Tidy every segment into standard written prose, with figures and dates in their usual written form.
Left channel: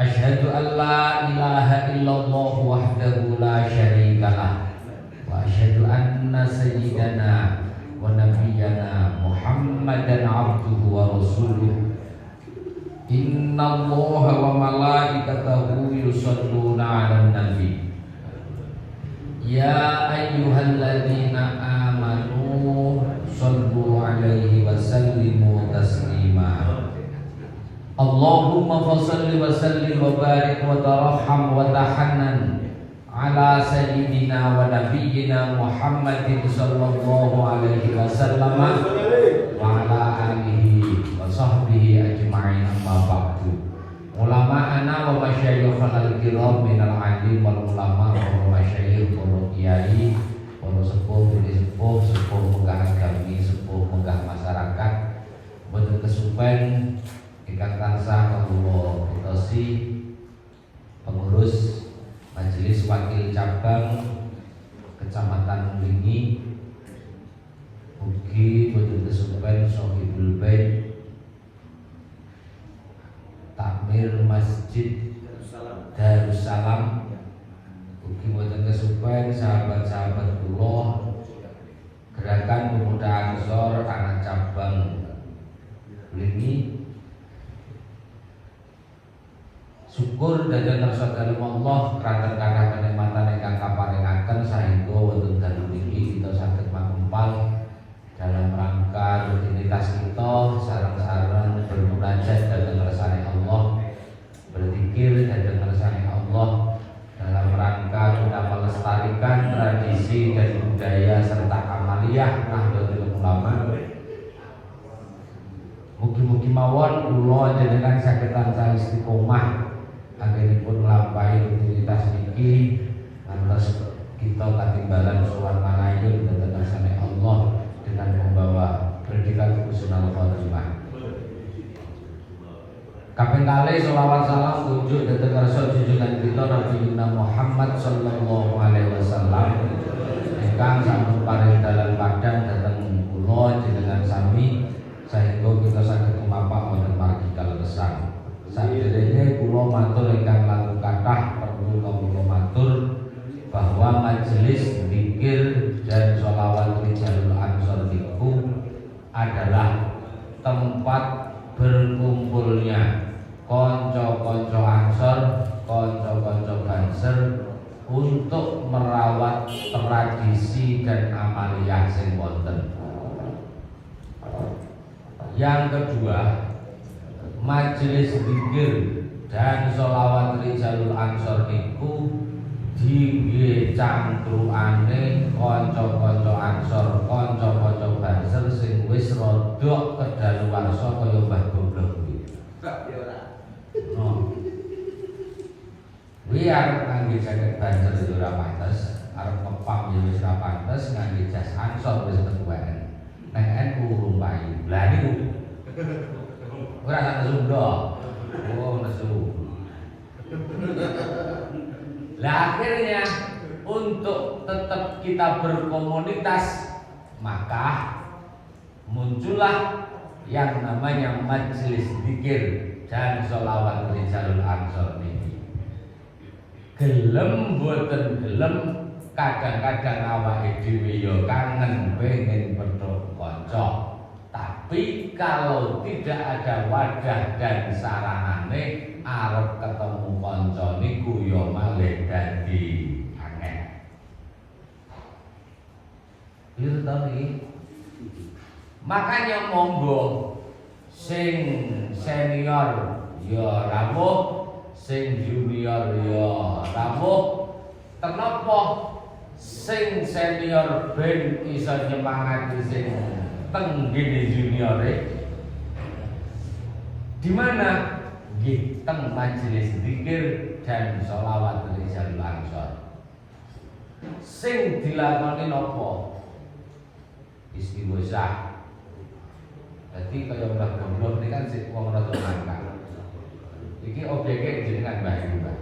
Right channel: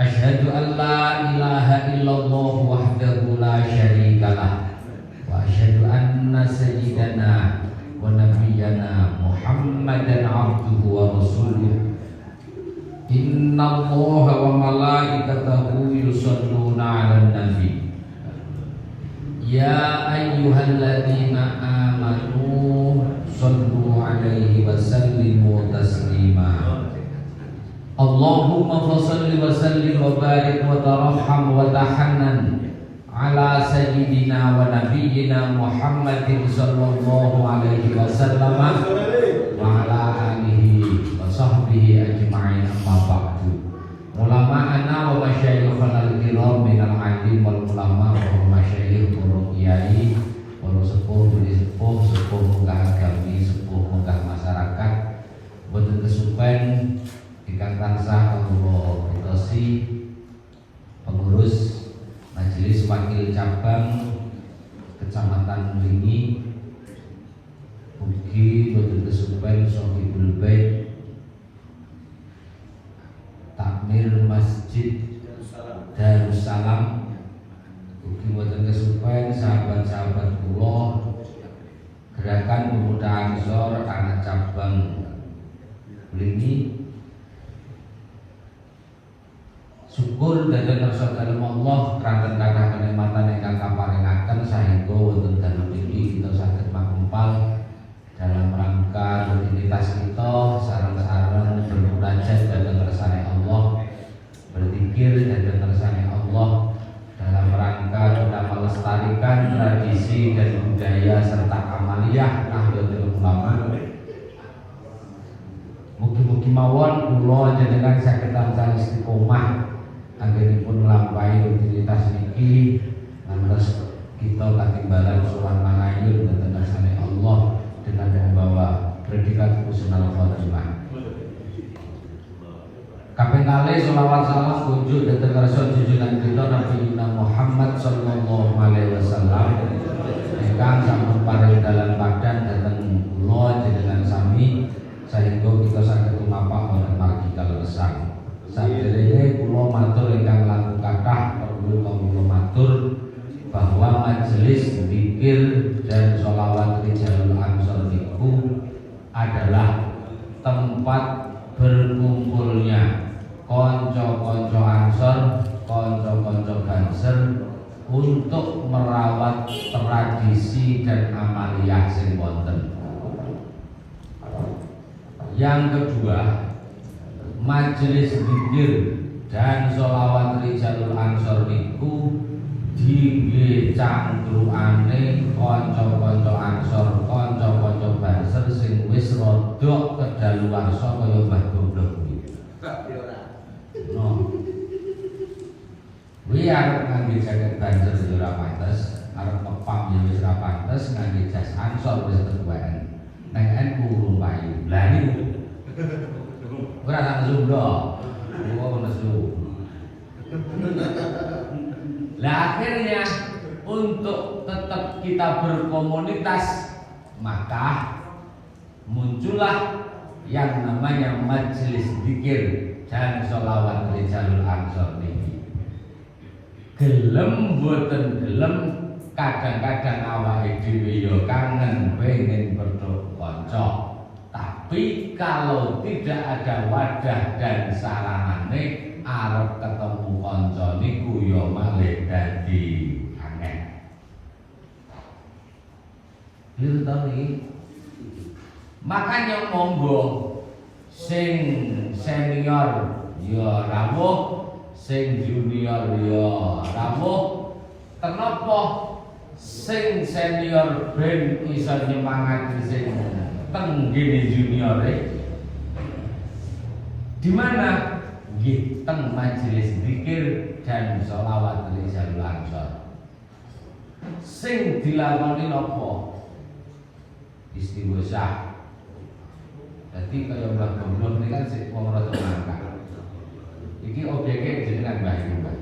Asyhadu an la ilaha illallah wahdahu la syarikalah wa asyhadu anna sayyidana wa nabiyyana Muhammadan abduhu wa rasuluh. Innallaha wa malaikatahu yusholluna 'alan nabi. Ya ayyuhalladzina amanu shallu 'alaihi wa sallimu taslima. Allahumma fassalli wa sallim wa barik wa tarahham wa tahannan ala sayyidina wa nabiyyina Muhammadin sallallahu alaihi wasallam wa ala alihi wa sahbihi ajma'in, amma ba'du. Ulama'ana wa masyayikhana al-kiram minal alim wal ulama wa masyayikh wa kiai wa sepuh sepuh sepuh munggah agami sepuh munggah masyarakat boten kesupen ingkang tansah kawula pitosi pengurus Majelis Wakil Cabang Kecamatan Mlingi, ugi boten kesupen Sohibul Bait Takmir Masjid Darussalam, ugi boten kesupen sahabat-sahabat kula Gerakan Pemuda Ansor anak cabang Mlingi. Syukur dhateng saudara Allah kanthi kathah kenikmatan ingkang kaparingaken saengga wonten dalem niki kita saged makumpul dalam rangka rutinitas kita sareng-sareng bermunajat dhateng ngersane Allah, berzikir dhateng ngersane Allah dalam rangka kita melestarikan tradisi dan budaya serta amaliyah Nahdlatul Ulama. Mugi-mugi mawon kula jenengan saged tansah istiqomah anggenipun nglampahi rutinitas niki ngantos kita katimbalan sowan mangayu dhateng ngersane Allah dengan membawa predikat husnul khotimah. Kaping kalih selawat salam kunjuk dhateng ngarsa junjungan kita Nabi Muhammad sallallahu alaihi wasallam ingkang sampun paring dalan padan dhateng kula jenengan sami saengga kita saged tumapak wonten margi kaleresan. Saderenge kula matur ingkang langkung kathah perlu kula matur bahwa majelis zikir dan sholawat Rijalul Ansor niku adalah tempat berkumpulnya konco-konco Ansor, konco-konco Banser untuk merawat tradisi dan amaliyah sing wonten. Yang kedua, majelis zikir dan sholawat Rijalul Ansor niku dingge cangkrukane kanca-kanca Ansor, kanca-kanca Banser sing wis rada kedaluwarsa kaya Mbah Goblok kuwi. Kuwi arep ngangge jaket Banser ya ora pantes, arep kepam ya wis ora pantes, ngangge jas Ansor wis ketuaan. Nek NU lumayu. Lah niku ora langsung dong, nesu. Lah akhirnya untuk tetap kita berkomunitas maka muncullah yang namanya majelis zikir dan sholawat Rijalul Ansor ini. Gelem boten gelem kadang-kadang awake dhewe ya kangen pengen bertemu kanca. Tapi kalau tidak ada wadah dan saranane arep ketemu kanca niku ya malih dadi angel. Itu tadi. Makanya monggo sing senior ya rawuh, sing junior ya rawuh. Kenapa sing senior ben iso nyemangati sing tenggene juniore? Di mana? Nggih teng majelis zikir dan sholawat Rijalul Ansor. Sing dilakoni napa? Istighosah. Dadi kaya Mbah Goblok niki kan sing wong rada mangkat. Iki objeke jenengan Mbah iki, Mbah.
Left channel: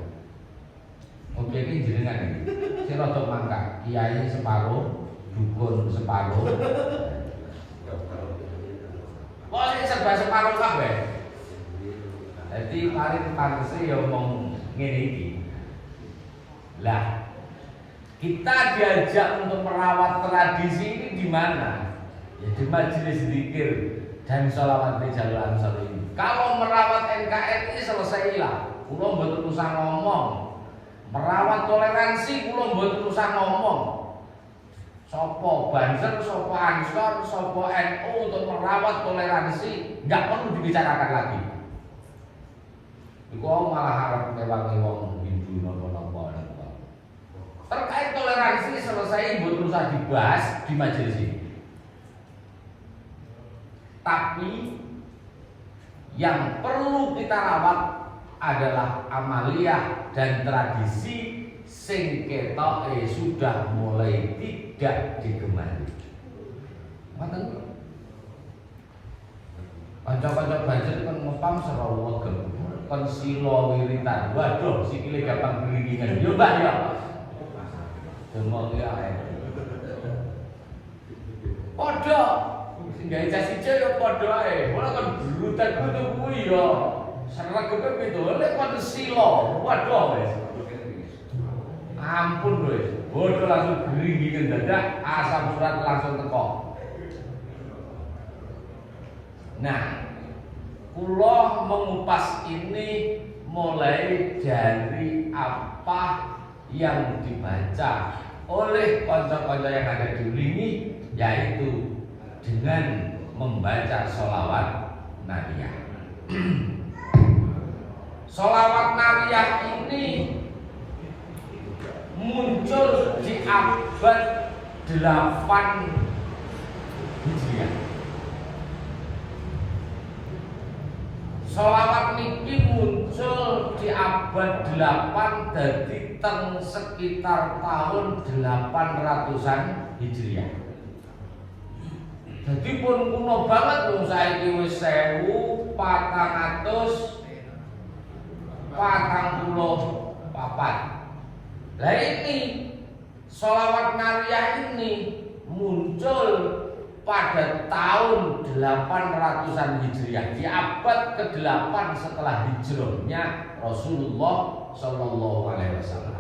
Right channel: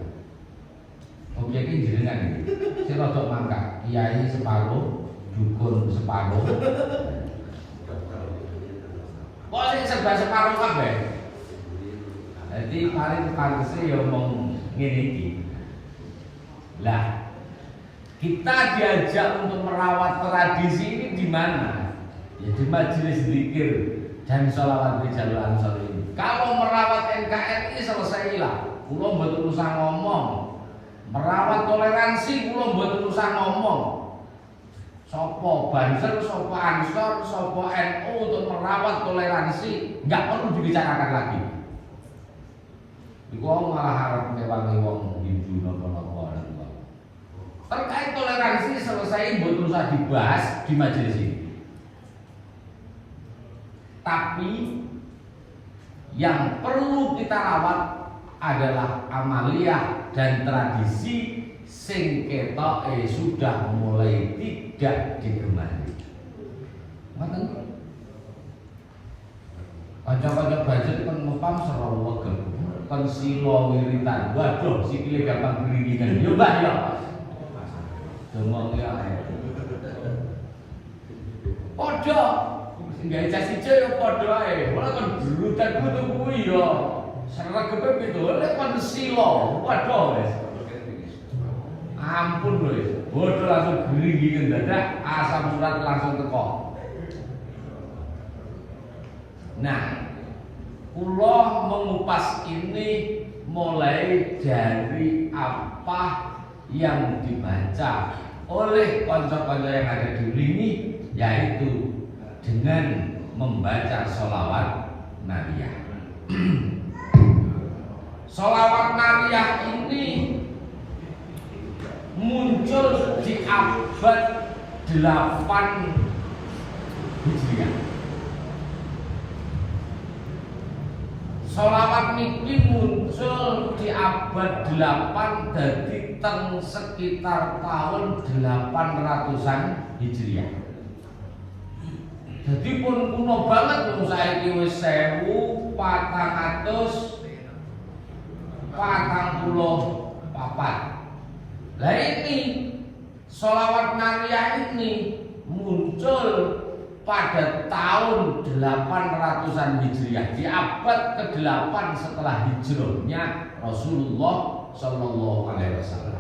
Objeke jenengan iki. Sing rada mangkat, kiai separuh, dukun separuh. Kok sing serba separuh kabeh? Jadi Antasari pantasnya ya mau ngene iki. Lah, kita diajak untuk merawat tradisi ini di mana? Ya di majelis zikir dan sholawat di Jalul Ansor ini. Kalau merawat NKRI selesailah. Kulo mboten usah ngomong. Merawat toleransi kulo mboten usah ngomong. Sopo Banser, sopo Ansor, sopo NU untuk merawat toleransi nggak perlu dibicarakan lagi. Iku malah harap mewangi wong Hindu nopo-nopo. Terkait toleransi selesai mboten usah dibahas di majelis ini. Tapi yang perlu kita rawat adalah amaliyah dan tradisi sing ketoke sudah mulai tidak digemari. Ngoten. Kanca-kanca Banjar kan ngopam Sarawak kon sila wiritan. Waduh, sikile gampang beriringan. Yo Mbak ya. Ngomong ya. Padha sing gawe jas ijo ya padha ae. Ora kan brutan kudu kuwi ya. Sregepe pindole kon sila. Waduh wis. Ampun lho, bodoh langsung gering dadak, asam surat langsung teko. Nah, kula mengupas ini mulai dari apa yang dibaca oleh kanca-kanca yang ada di sini, yaitu dengan membaca sholawat nariyah. Sholawat nariyah ini muncul di abad 8 Hijriah. Sholawat niki muncul di abad 8 dadi teng sekitar tahun 800-an Hijriah. Jadi pun kuno banget wong saiki wis 1444. Lah ini sholawat nariyah ini muncul pada tahun 800-an Hijriah, di abad ke-8 setelah hijrahnya Rasulullah Sallallahu Alaihi Wasallam.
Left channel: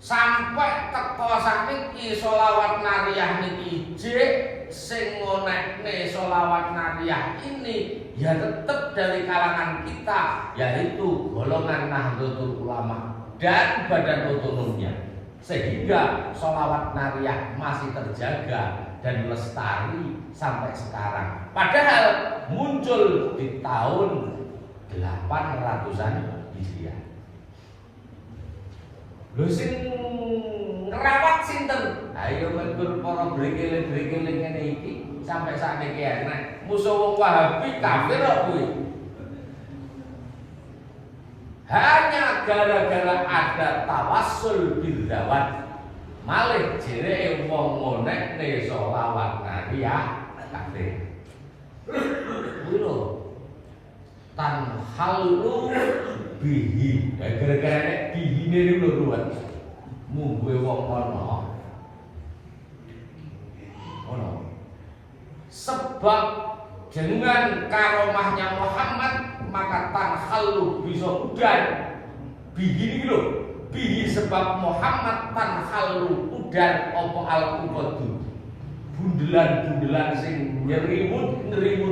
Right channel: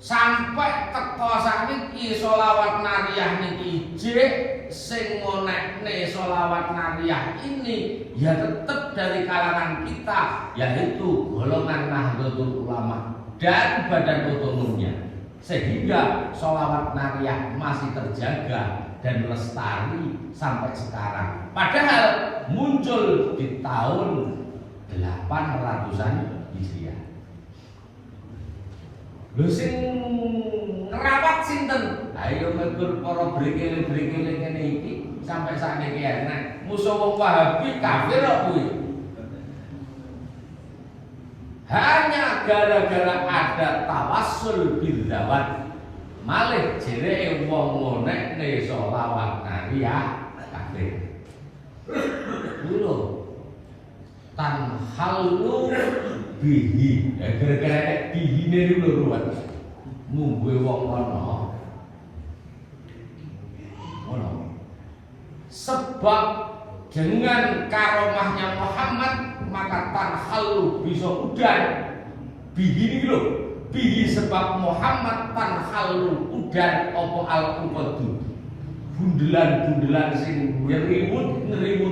Sampai teko sakniki sholawat nariyah niki jek sing ngonekne sholawat nariyah ini ya tetap dari kalangan kita, yaitu golongan Nahdlatul Ulama dan Badan Otonomnya, sehingga sholawat nariyah masih terjaga dan lestari sampai sekarang. Padahal muncul di tahun 800-an Hijriah. Lho sing ngerawat sinten? Ayo mergur para brikile-brikile ngene iki sampai sakniki enak. Musuh wong Wahabi kafir kok kuwi. Hanya gara-gara ada tawassul bil zawat. Malih jereke wong ngonekne sholawat nariyah kafir. Lho tan halu bihi, gara-gara bihi niku lho ruwet. Mungguhe wong ngono. Sebab dengan karomahnya Muhammad maka tanhalu bisa udan. Bihi ini lho, bihi sebab Muhammad tanhalu udan opo al-qubadu. Bundelan-bundelan sing nyerimut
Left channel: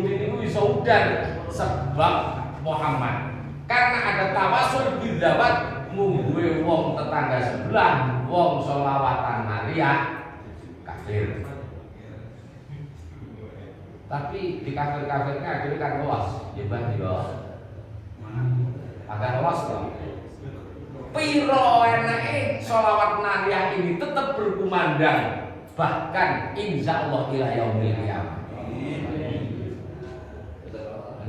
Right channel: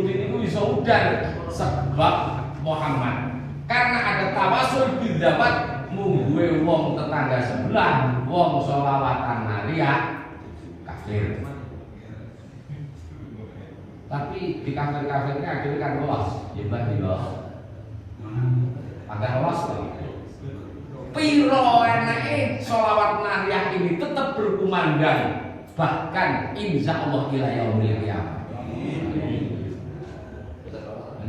ini bisa udan sebab Muhammad. Karena ada tawasul bidzawat mungguhe wong tetangga sebelah wong sholawatan nariyah kafir. Tapi di kafir-kafirnya akhirnya kan lolos, ya Mbak lolos. Agar lolos kok. Piro enake sholawat nariyah ini tetap berkumandang, bahkan insya Allah ila yaumil qiyamah.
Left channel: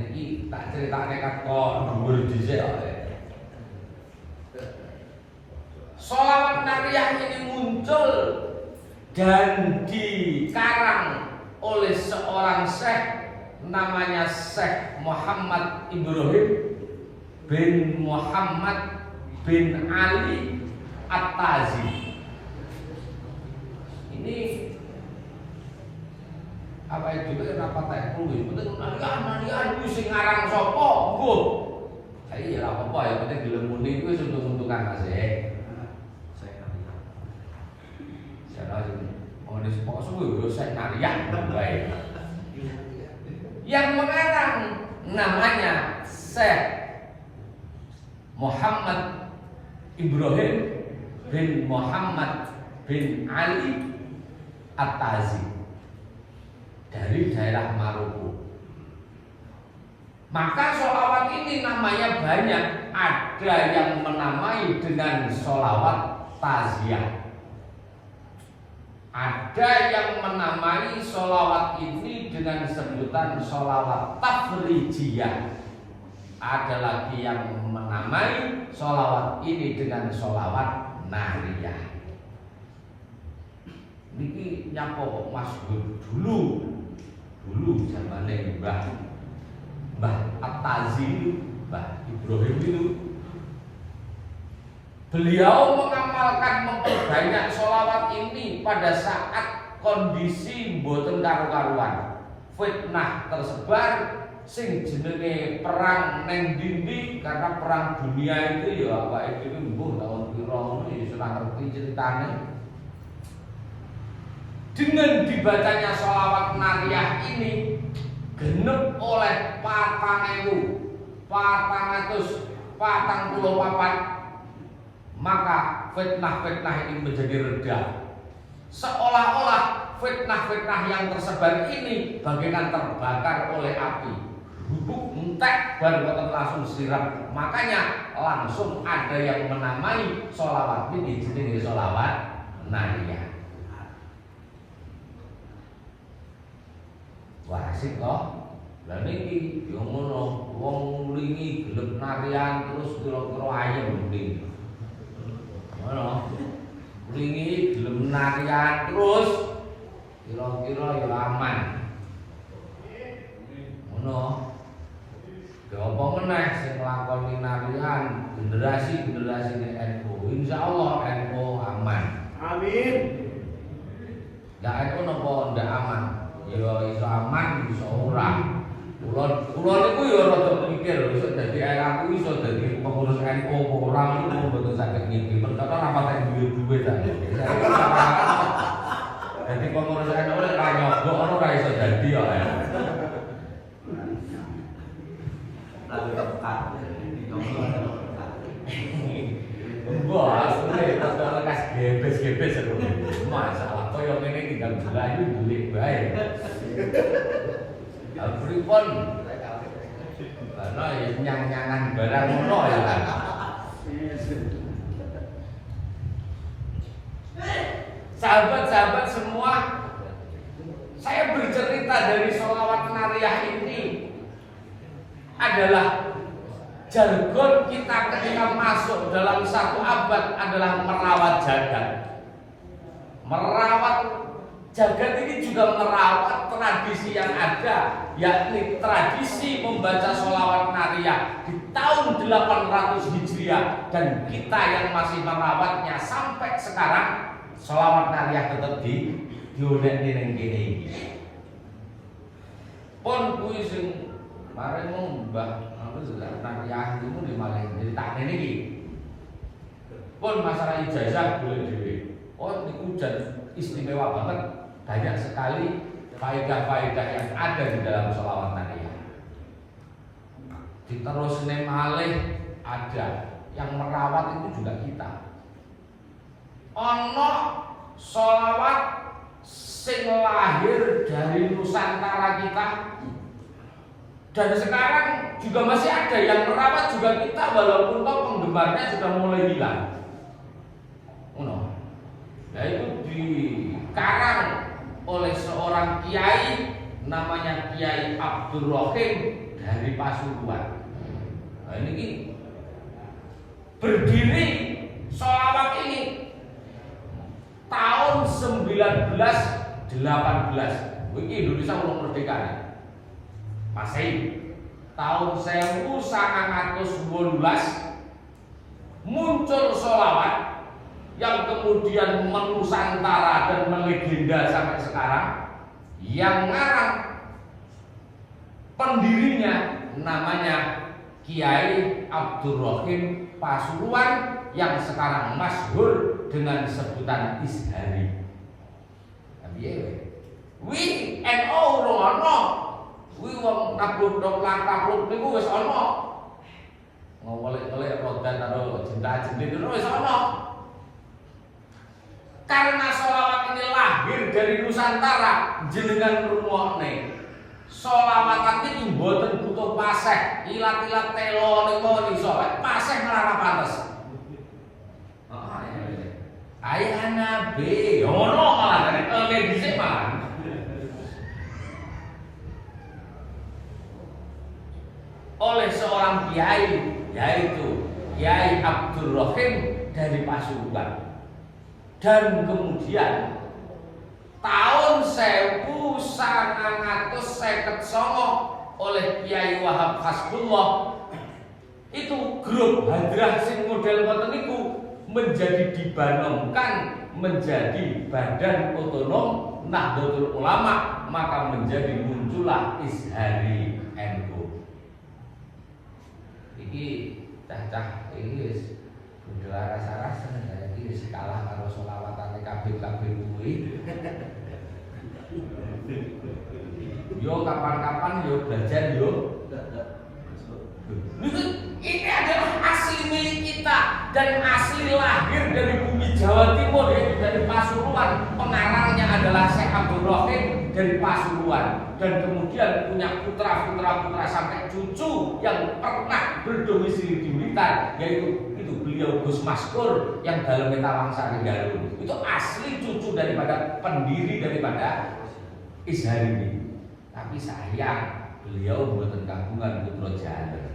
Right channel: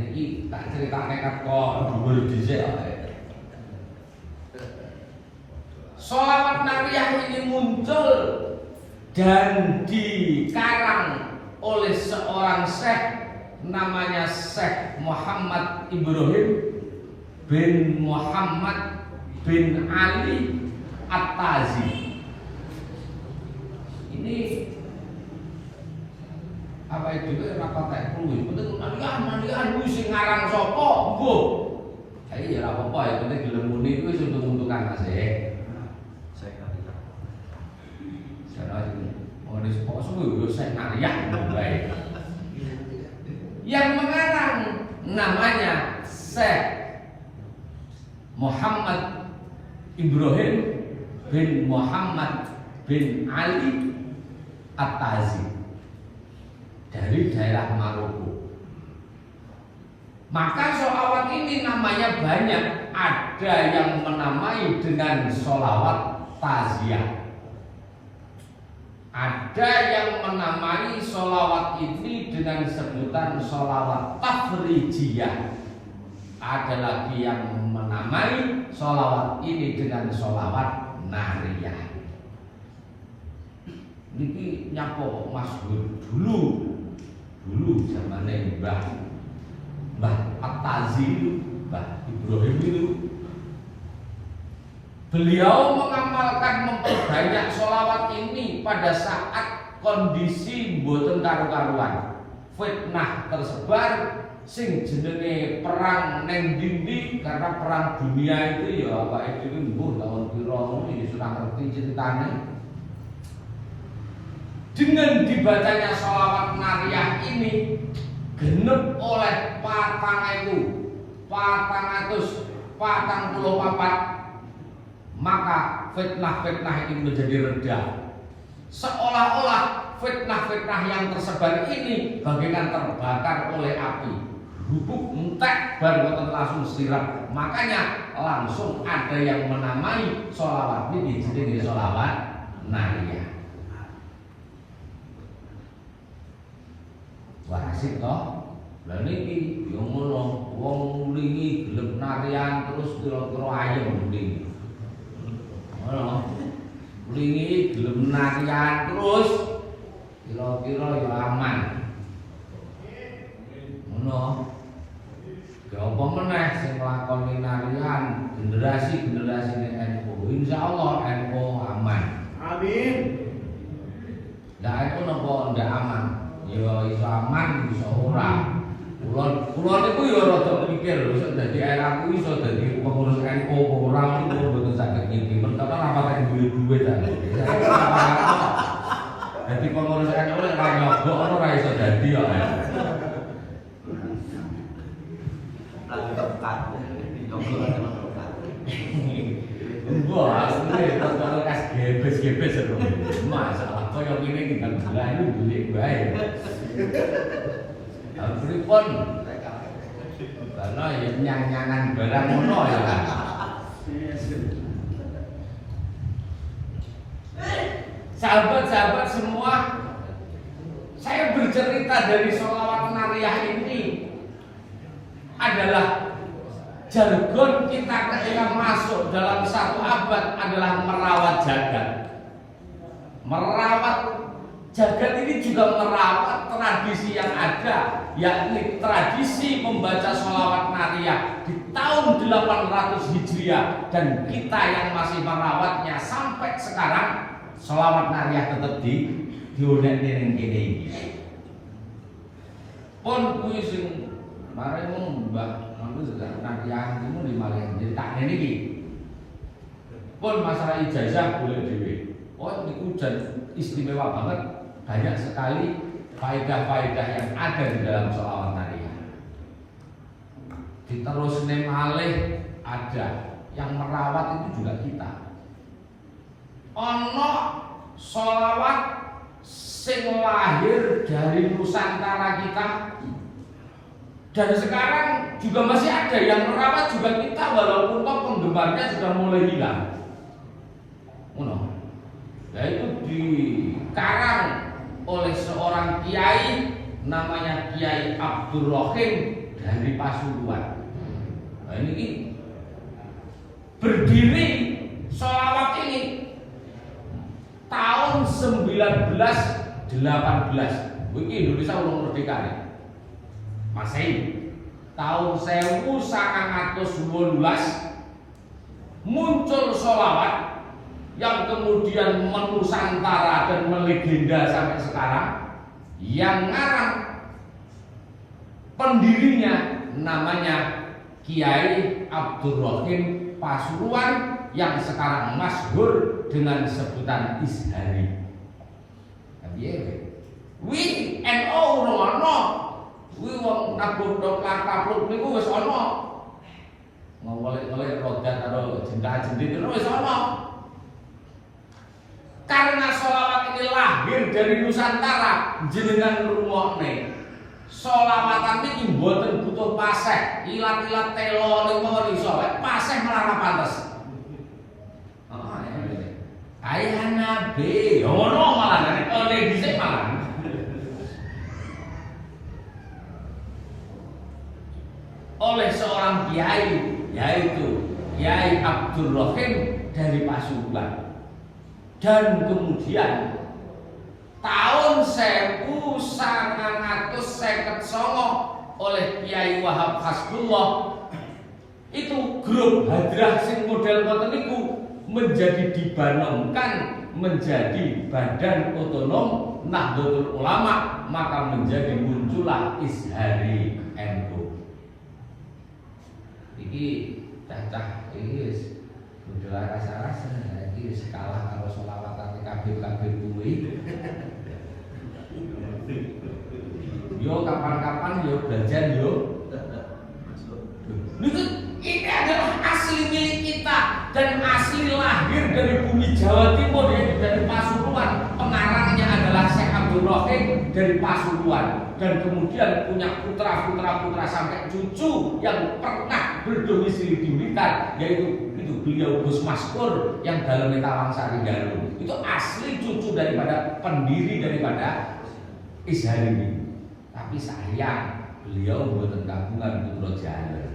Ini tak cerita nekat kok dhuwur dhisik. Sholawat nariyah ini muncul dan dikarang oleh seorang syekh namanya Syekh Muhammad Ibrahim bin Muhammad bin Ali At-Tazi. Ini apa itu apa tak kuwi? Betul nariyah kuwi sing ngarang sapa? ya penting gelem muni kuwi wis untung-untungan Mas e. Ini sepuluh saya ngariak baik. Yang mengarang namanya Syekh Muhammad Ibrahim bin Muhammad bin Ali At-Tazi dari daerah Maroko. Maka sholawat ini namanya banyak. Ada yang menamai dengan sholawat taziyah. Ada yang menamai sholawat ini dengan sebutan sholawat tafrijiyah. Ada lagi yang menamai sholawat ini dengan sholawat nariyah. Ini nyapo Mas dulu zamannya Mbah At-Tazi, Mbah Ibrahim itu beliau mengamalkan memperbanyak sholawat ini pada saat kondisi mboten karu-karuan. Fitnah tersebar sing jenenge perang neng dindi, karena perang dunia itu ya awake dhewe mbuh tahun pira iki ora ngerti ceritane. Dengan dibacanya sholawat nariyah ini genep oleh 4.444, maka fitnah-fitnah ini menjadi reda. Seolah-olah fitnah-fitnah yang tersebar ini bagaikan terbakar oleh api. Bubuk entek baru langsung sirap. Makanya langsung ada yang menamai sholawat ini jadi sholawat nariyah. Wah asik toh. Lah niki yo ngono, wong nglingi gelem narian terus kira-kira ayem mending. Ulingi gelem narian terus kira-kira ya aman. Ngono. Ya apa meneh sing nglakoni narian generasi-generasi NU. Insyaallah NU aman. Amin. Ya NU napa ndak aman? Ya iso aman, iso ora. Kulo niku ya rada mikir iso dadi aku iso dadi pengurus NU ora niku mboten saged ngiki. Perkara apa tak duwe ta. Dadi pengurus NU lek ora nyogok ora iso dadi ya. Enggak, asline tetep kas gebes-gebes masalah koyo ngene tinggal jelahi beli bae. Pripun? Karena ya nyang-nyangan barang ngono ya. Sahabat-sahabat semua, saya bercerita dari sholawat nariyah ini adalah jargon kita ketika masuk dalam satu abad adalah merawat jagat. Merawat jagat ini juga merawat tradisi yang ada, yakni tradisi membaca sholawat nariyah di tahun 800 Hijriah, dan kita yang masih merawatnya sampai sekarang. Sholawat nariyah tetap dionek ning kene iki. Pun kuwi sing mare mbah anu nariyah itu di Malaysia jadi tak ngene iki. Pun masalah ijazah boleh dhewe. Oh niku istimewa banget. Banyak sekali faedah-faedah yang ada di dalam sholawat nariyah. Diterusne malih ada yang merawat itu juga kita. Ono sholawat sing lahir dari Nusantara kita, dan sekarang juga masih ada yang merawat juga kita, walaupun kok penggemarnya sudah mulai hilang. Yaitu dikarang oleh seorang kiai namanya Kiai Abdul Rohim dari Pasuruan. Nah ini berdiri sholawat ini tahun 1918. Ini Indonesia belum merdeka nih. Masehi. Tahun 1918 muncul sholawat yang kemudian menusantara dan melegenda sampai sekarang, yang ngarang pendirinya namanya Kiai Abdurrahim Pasuruan yang sekarang masyhur dengan sebutan Izhari. Wi NU ono, wi wong tabluk niku wis ono. Ngolek-ngolek roda karo jenda-jendit wis ono. Karena sholawat ini lahir dari Nusantara, jenengan ngrungokne. Sholawatan iki mboten butuh paseh, ilat-ilat telo niku iso, paseh malah pantes. Ayah Nabi, ono malah dari dhisik malah. Oleh seorang kiai, yaitu Kiai Abdurrahim dari Pasuruan. Dan kemudian tahun 1959 oleh Kiai Wahab Hasbullah itu grup hadrah sing model ngoten niku menjadi dibanomkan menjadi badan otonom Nahdlatul Ulama, maka menjadi muncullah Izhari NU. Iki cacah iki budal rasa-rasa iki kalah karo sholawatan kabeh-kabeh kuwi. Yo kapan-kapan yo belajar yo. Ini adalah asli milik kita dan asli lahir dari bumi Jawa Timur, yaitu dari Pasuruan. Pengarangnya adalah Syekh Abdurrahim dari Pasuruan, dan kemudian punya putra sampai cucu yang pernah berdomisili di Blitar, yaitu beliau Gus Maskur yang dalam Tawangsari Garut. Itu asli cucu daripada pendiri daripada Izhari ini. Tapi sayang beliau buatan gabungan Putra Jawa.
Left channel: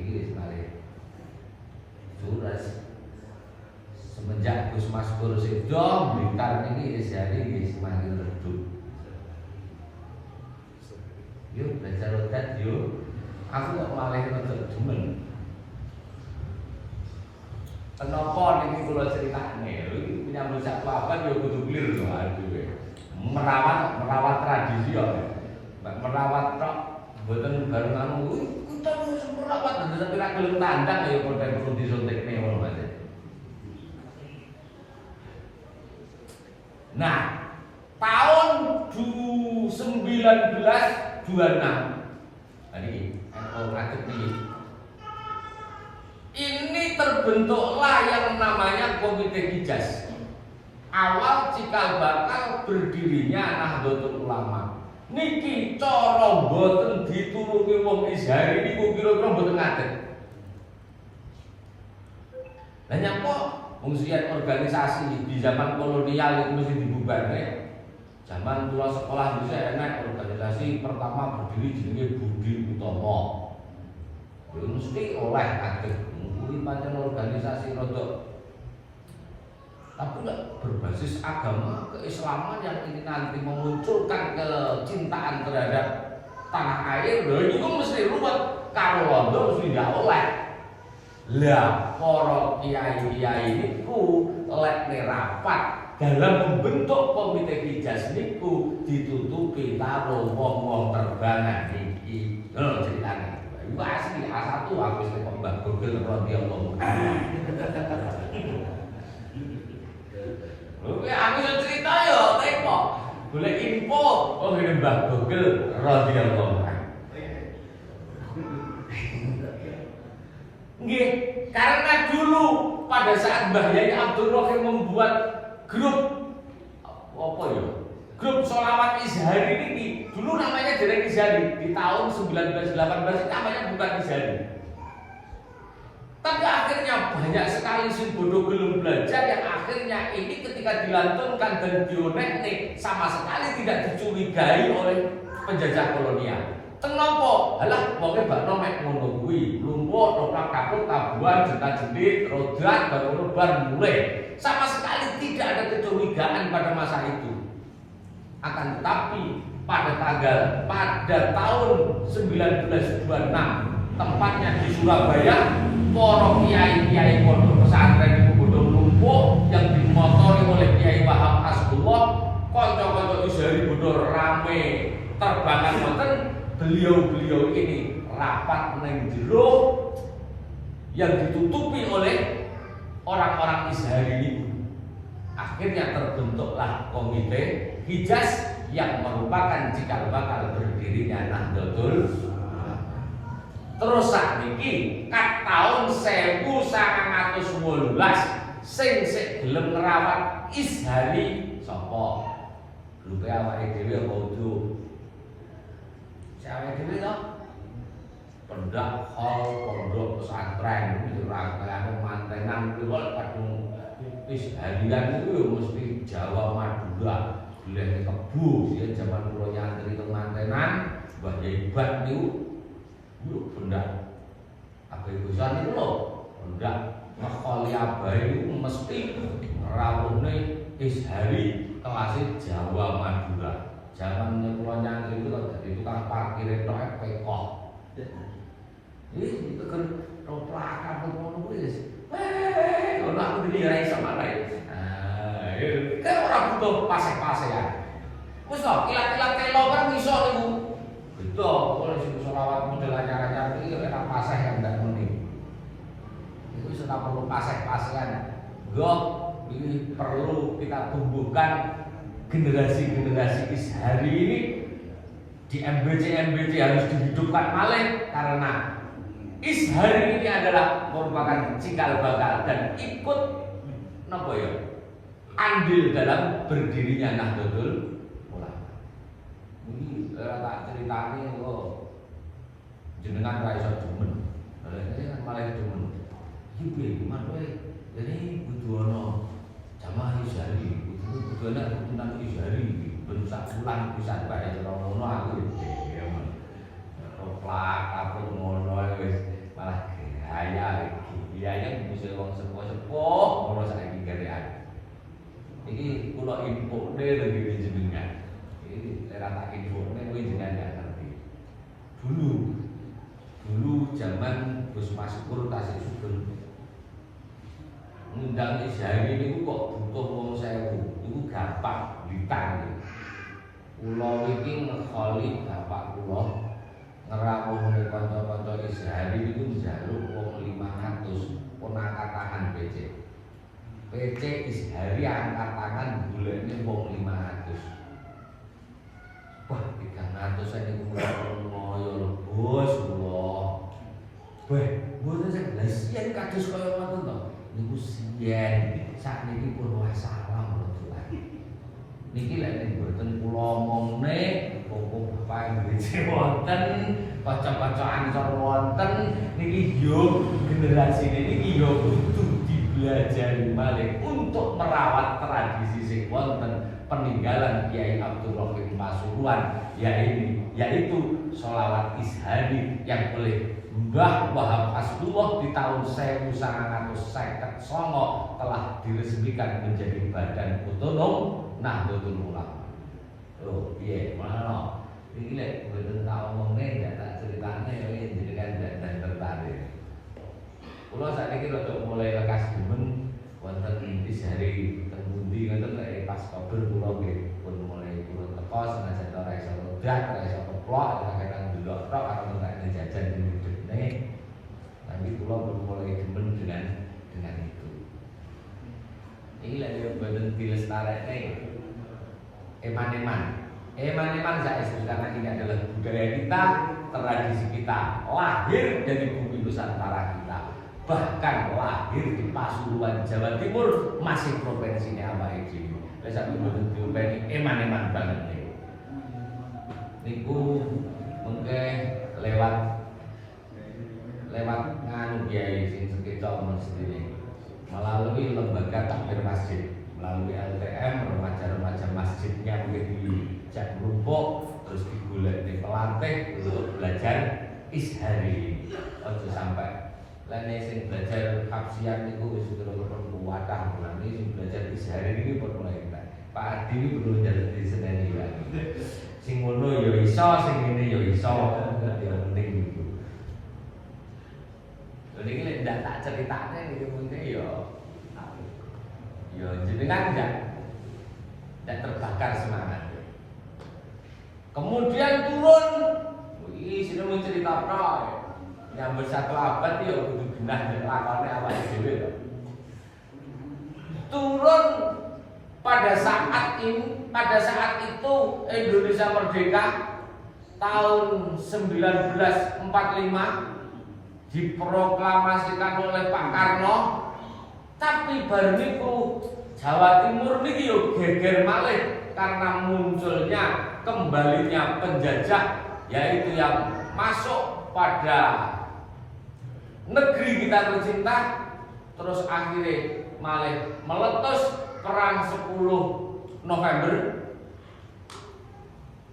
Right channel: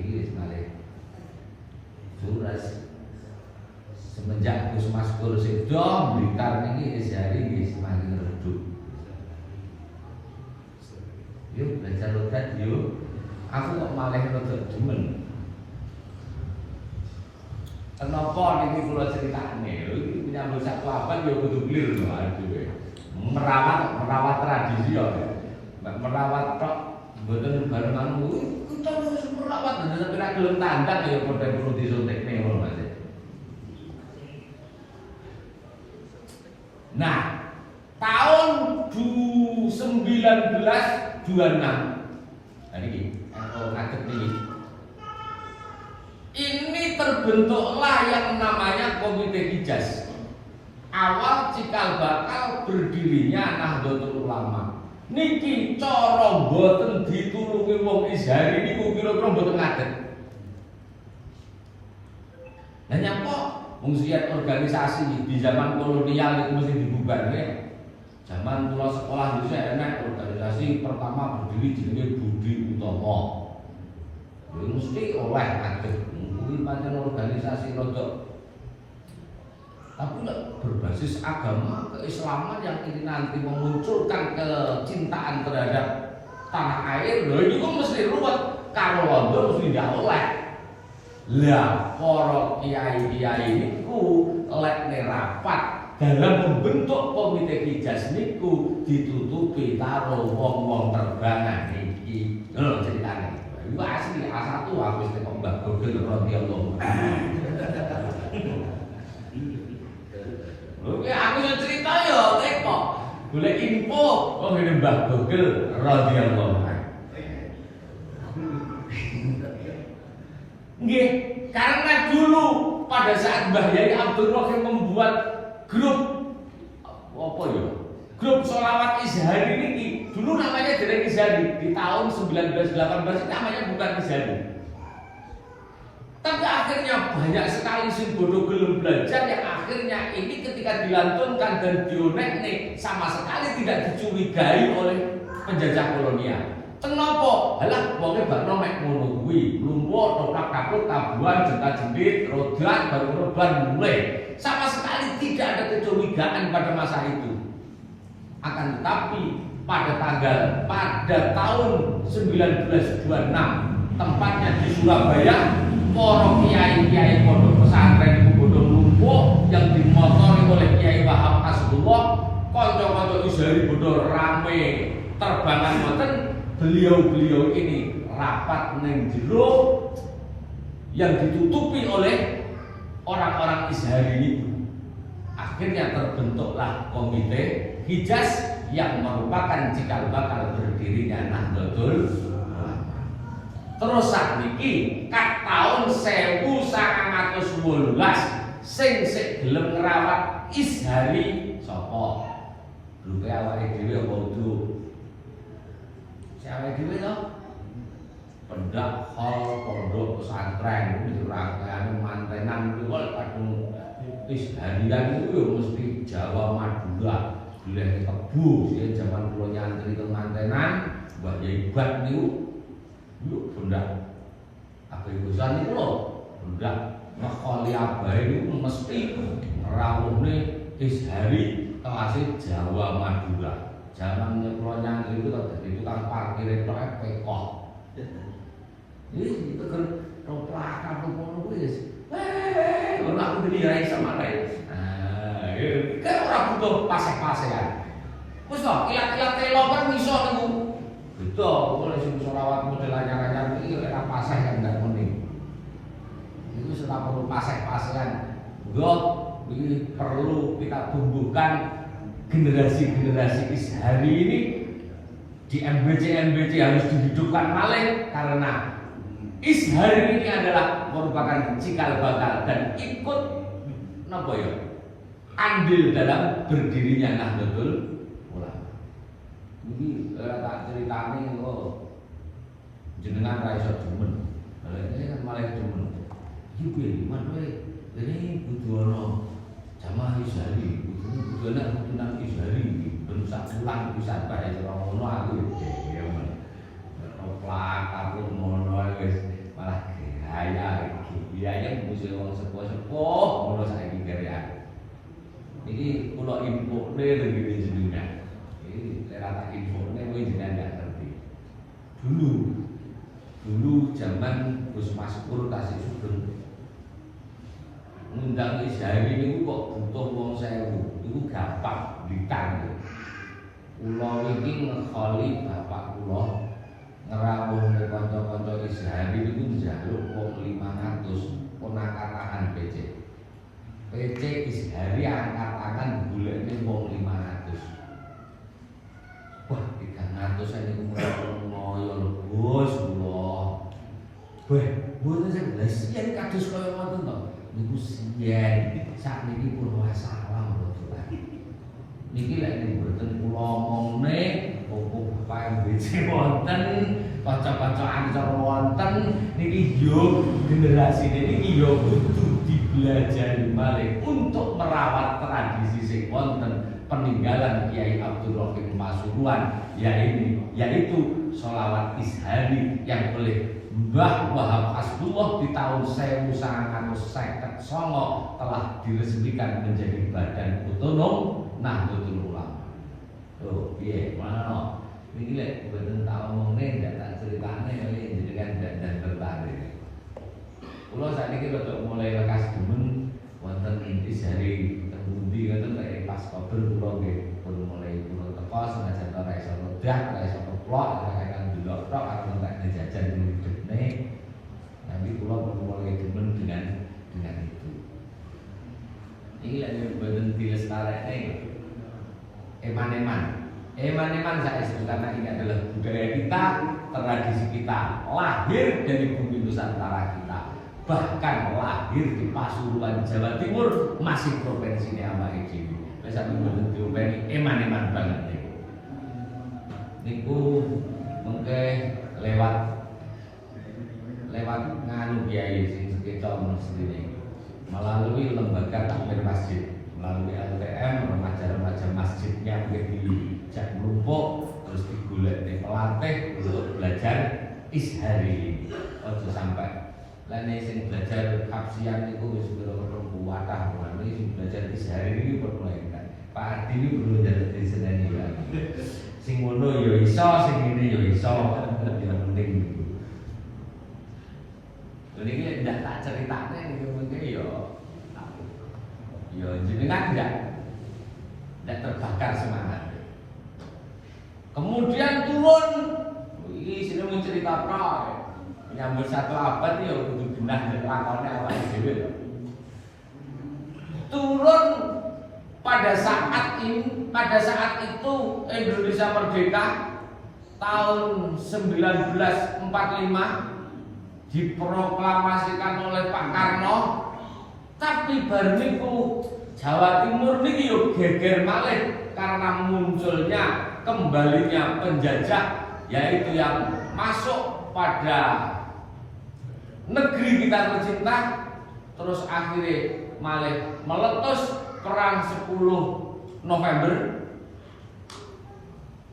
Ini semalih suras semenjak Gus Maskur sedo Blitar ini Izhari ini semakin redup. Yuk belajar rodat yuk. Aku kok malah nonton demen. Kenapa ini kula ceritane? Iki menyambut sak kuaban yo kudu clear lho aduh. Merawat tradisi yo. Merawat tok mboten barengan kita harus merawat tapi nek gelem tandang ya padha perlu disuntikne ngono Mas. Nah, tahun 1926 ngadeg niki. Ini terbentuklah yang namanya Komite Hijaz. Awal cikal bakal berdirinya Nahdlatul Ulama. Niki cara mboten ditulungi wong Izhari niku kira-kira mboten ngadeg. Lah nyapa wong organisasi di zaman kolonial itu mesti dibubarne. Zaman kula sekolah dulu enak organisasi pertama berdiri jenenge Budi Utomo. Ya mesti oleh ngadeg. Kuwi pancen organisasi rodok tapi berbasis agama keislaman yang ini nanti memunculkan kecintaan terhadap tanah air. Lho ini kok mesti ruwet karo londo mesti ndak oleh. Lah para kiai-kiai niku lek rapat dalam membentuk Komite Hijaz niku ditutupi karo wong-wong terbangan iki. Lho ceritane. Iku asli A1 habis nek Mbah Gogel radhiyallahu anhu. Oke, aku yang cerita ya, tengok. Boleh info, oh ini Mbah Gogel radhiyallahu anhu. Nggih, karena dulu pada saat Mbah Yai Abdurrahim membuat grup apa ya? Grup sholawat Izhari ini dulu namanya Derek Izhari. Di tahun 1918 namanya bukan Izhari. Tapi akhirnya banyak sekali sing bodoh belum belajar yang akhirnya ini ketika dilantunkan dan dionekne sama sekali tidak dicurigai oleh penjajah kolonial. Kenapa? Halah wonge bakno mek ngono kuwi, lumpur, toplak kapuk, tabuhan, jenta-jentit, rodat, baru mulai. Sama sekali tidak ada kecurigaan pada masa itu. Akan tetapi pada tahun 1926 tempatnya di Surabaya, para kiai-kiai pondok pesantren itu bodoh lumpuh yang dimotori oleh Kiai Wahab Hasbullah, kanca-kanca Izhari bodoh rame terbangan ngoten. Beliau-beliau ini rapat ning jero yang ditutupi oleh orang-orang Ishari ini. Akhirnya terbentuklah komite Hijaz yang merupakan cikal bakal berdirinya Nahdlatul Ulama. Terus sakniki kat tahun 1918 sing gelem ngrawat Ishari sapa? Grupe awake dhewe apa udu? Awake dhewe to. Pendak hal pondok pesantren iki rangkaian mantenan kuwi kok kadung Isharian itu ya mesti Jawa Madura. Boleh kebu sih zaman kula nyantri teng mantenan Mbah Yaibat niku yo pendak apa ibusan niku lho pendak ngekoli abahe niku mesti ngrawuhne Ishari kelasé Jawa Madura. Zaman kula nyantri itu kan dadi tukang parkir tok pekok. Itu kan roplak ngono kuwi wis. Ono aku dilihat sama lain. Kan ora butuh pasek-pasekan. Wis to, kilat-kilat telo kan iso niku. Betul, kok sing selawat model anyar-anyar iki ora pasek kan ndak mending. Itu sudah perlu pasek-pasekan. Nggo ini perlu kita tumbuhkan generasi-generasi Ishari ini di MBC harus dihidupkan malih karena Ishari ini adalah merupakan cikal bakal dan ikut napa ya? Andil dalam berdirinya Nahdlatul Ulama. Ini tak ceritani kok jenengan ra iso demen. Ini kan malah demen. Iki kuwi gimana jadi kudu ana jamaah Ishari, kudu ana Ishari ben sak bulan bisa bae karo ngono aku ya men. Roplak karo ngono wis malah gaya iki. Gaya mesti wong sepuh-sepuh ngono saiki gaya. Iki kula info dhewe jenengan. Iki ora tak infone kowe jenengan gak ngerti. Dulu zaman Gus Maskur tasih subur. Ngundang Ishari niku kok butuh wong 1000. Iku gampang ditang. Kula iki ngekholi bapak kula ngrawuhne kanca-kanca Ishari niku njaluk wong 500 ponakan PC. PC Ishari angkat-angkat golekne wong 500. Wah, 300 niku ngoyo lho, Bos kula. Weh, mboten sebelas yen kados kaya ngoten to. Niku siyen sakniki pun wassalam lho. Niki lek mboten kula omongne opo bapak BC wonten, kanca-kancaan cara wonten niki yo generasi niki yo kudu dibelajari malih untuk merawat tradisi sing wonten peninggalan Kiai Abdul Rahim Pasuruan yaitu sholawat Ishari yang oleh Mbah Wahab Hasbullah di tahun 1959 telah diresmikan menjadi badan otonom Nahdlatul Ulama. Oh, piye mana? Iki lek boten tau ngomongnya ndak tak ceritane iki jenengan dan tertarik. Kula sakniki rada mulai lekas demen wonten Ishari teng pundi ngoten lek pas kober kula nggih pun mulai kula teko senajan ora iso lodak, ora iso keplok, kadang delok tok karo nek jajan hidupne. Nanti kula mulai demen dengan itu. Ini lagi boten dilestarekne. Eman-eman saya sebut karena ini adalah budaya kita, tradisi kita, lahir dari bumi Nusantara kita, bahkan lahir di Pasuruan Jawa Timur, masih provinsi ini awake dhewe. Wis sampe mboten diopeni eman-eman banget niku. Niku mengke lewat nganu kiai sing sekitar sendiri melalui lembaga takmir masjid, melalui LTM remaja-remaja masjidnya dijak melumpuk terus digolek di pelatih untuk belajar Ishari. Ojo sampai lene sing belajar kapsian niku wis kira-kira kuwatah berarti sing belajar Ishari iki kok mulai Pak Adi iki perlu njaluk diseneni lagi. Sing ngono ya iso, sing ngene ya iso, ya penting niku. Niki lek ndak tak critakne niku mengke ya jenengan ndak terbakar semangat. Kemudian turun, ini sini mencerita dilapro. Nyambut 1 abad ya kudu genah nek lakone awake dhewe. Turun pada saat itu Indonesia merdeka tahun 1945 diproklamasikan oleh Pak Karno, tapi baru niku Jawa Timur niki yo geger malih karena munculnya kembalinya penjajah, yaitu yang masuk pada negeri kita tercinta, terus akhirnya malih meletus perang 10 November.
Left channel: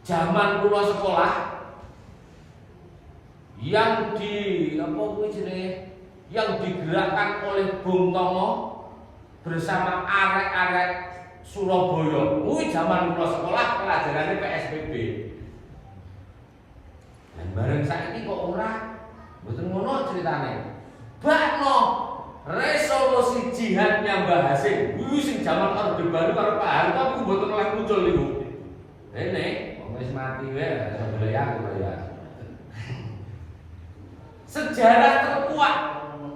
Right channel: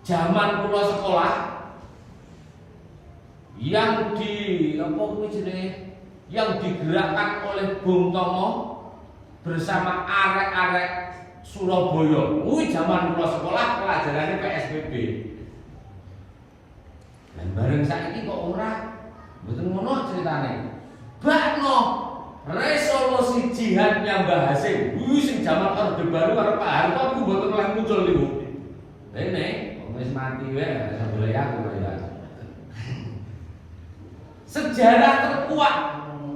Zaman kula sekolah yang yang digerakkan oleh Bung Tomo bersama arek-arek Surabaya. Kuwi zaman kula sekolah pelajarannya PSBB. Dan bareng saiki kok ora mboten ngono ceritane. Bakno resolusi jihadnya Mbah Hasim. Kuwi sing zaman Orde Baru karo Pak Harto aku mboten oleh muncul niku. Rene wis mati wae iso golek aku ya. Sejarah terkuat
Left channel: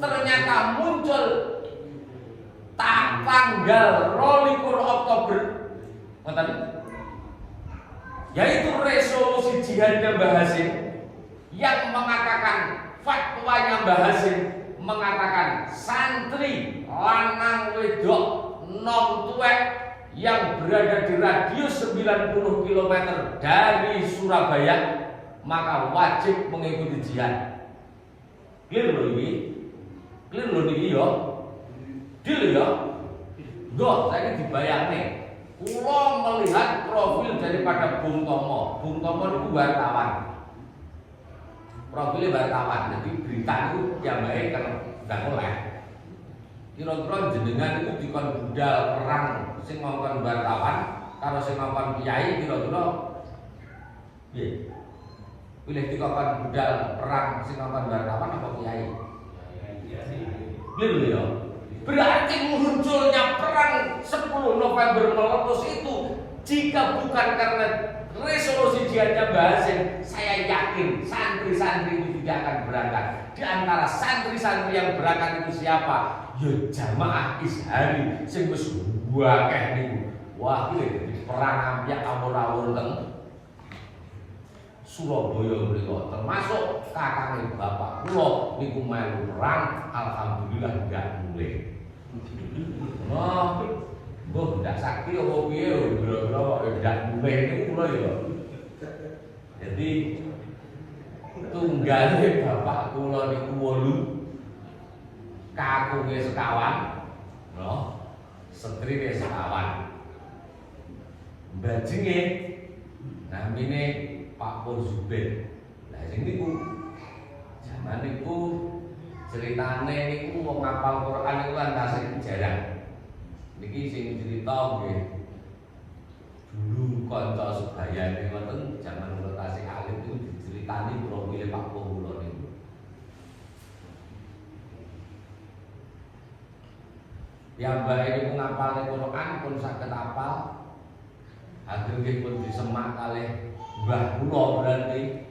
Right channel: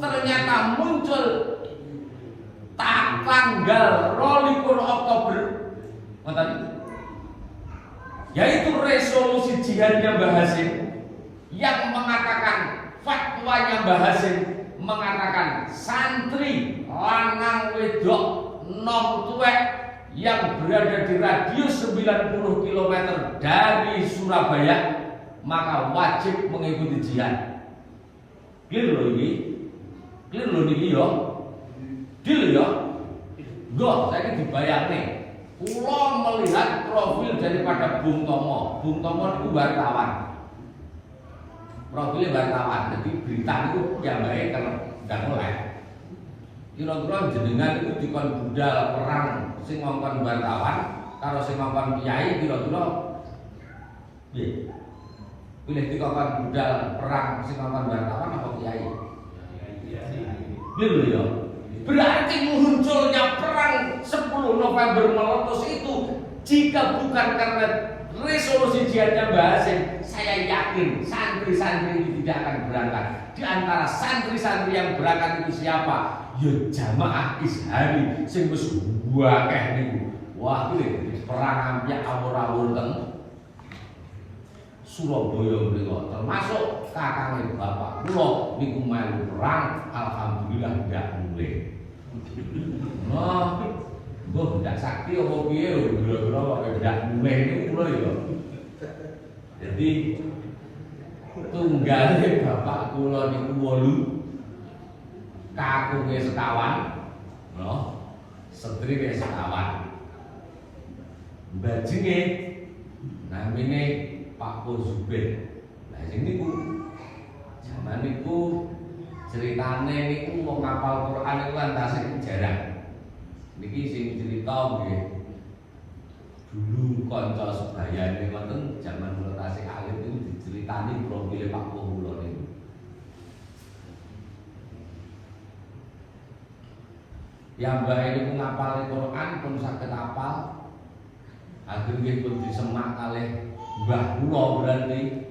ternyata muncul tanggal 22 Oktober, yaitu resolusi jihadnya Mbah Hasim yang mengatakan, fatwanya Mbah Hasim mengatakan santri lanang wedok nom tuwek yang berada di radius 90 km dari Surabaya maka wajib mengikuti jihad. Clear lho iki. Clear lho niki yo. Deal ya. Go, saya dibayarne. Kula melihat profil daripada Bung Tomo. Bung Tomo itu wartawan. Profilnya wartawan. Jadi berita itu ya baik kalau enggak mulai. Kira-kira jenengan itu dikon budal perang sing ngongkon wartawan karo sing ngongkon kiai kira-kira nggih. Pilih dikon budal perang sing ngongkon wartawan apa kiai? Lho ya. Berarti munculnya perang 10 November meletus itu jika bukan karena resolusi jihadnya Mbah Hasim, saya yakin santri-santri itu tidak akan berangkat. Di antara santri-santri yang berangkat itu siapa? Ya jamaah Ishari sing wis akeh niku. Wah, iki perang ambyak awur-awur teng Surabaya mriku, termasuk kakangnya bapak kula niku melu perang, alhamdulillah enggak mulai. Nah, mbah ndak sakti apa piye lho, kira-kira ndak mulai niku kula ya. Jadi tunggale bapak kula niku 8, kakunge sekawan, lho, setrine sekawan. Bajinge namine Pak Pur Zubir. Nah sing niku zaman niku ceritane niku wong ngapal Quran niku antase jarang. Niki sing cerita nggih. Dulu kanca sebayane wonten zaman kula tasik alit niku diceritani profile Pak Pur kula niku. Ya mbah ini ngapal Quran pun saged apal. Akhirnya pun disemak kalih mbah kula berarti.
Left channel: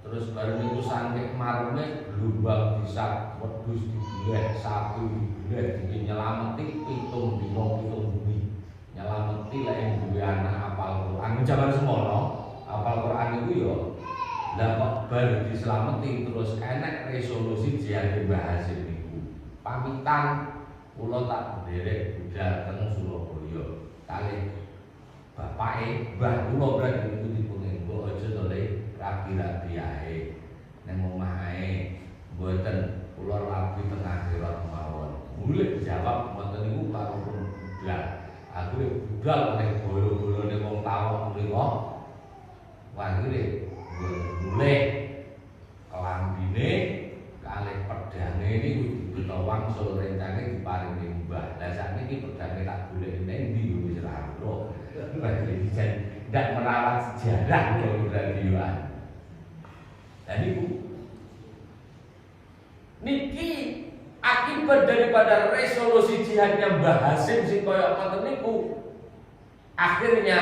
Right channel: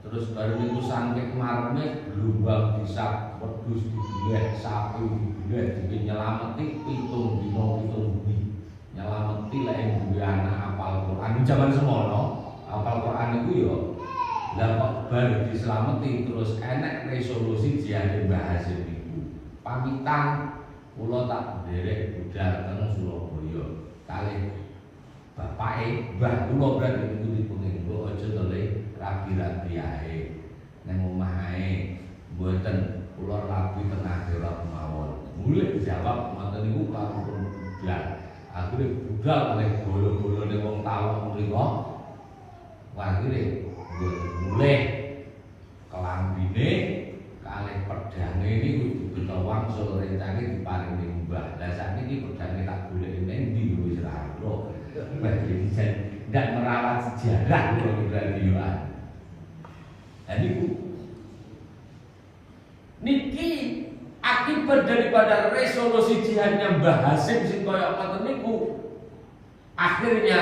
Terus baru itu sampai marme gelombang bisa wedhus dibeleh, sapi dibeleh, nyelameti pitung dino pitung bumi. Nyelameti lek yang duwe anak hafal Quran. Zaman semono hafal Quran itu ya lah kok baru diselameti terus enek resolusi jihad Mbah Hasim niku. Pamitan kula tak derek budal teng Surabaya kalih bapake mbah kula berarti niku dipenginggo aja to le rapi-rapi ae nang omah ae mboten kula rapi teng akhirat mawon. Mulih jawab ngoten niku karo budal. Akhire budal kalih bolo-bolone wong tawon mriku. Akhire mulih kelambine kalih pedane niku dibeta wangsul rencane diparingi mbah. Lah sakniki pedane tak golek ning ndi wis ora ro. Tidak merawat sejarah kira-kira. Dan niki akibat daripada resolusi jihadnya Mbah Hasim sing kaya ngoten niku akhirnya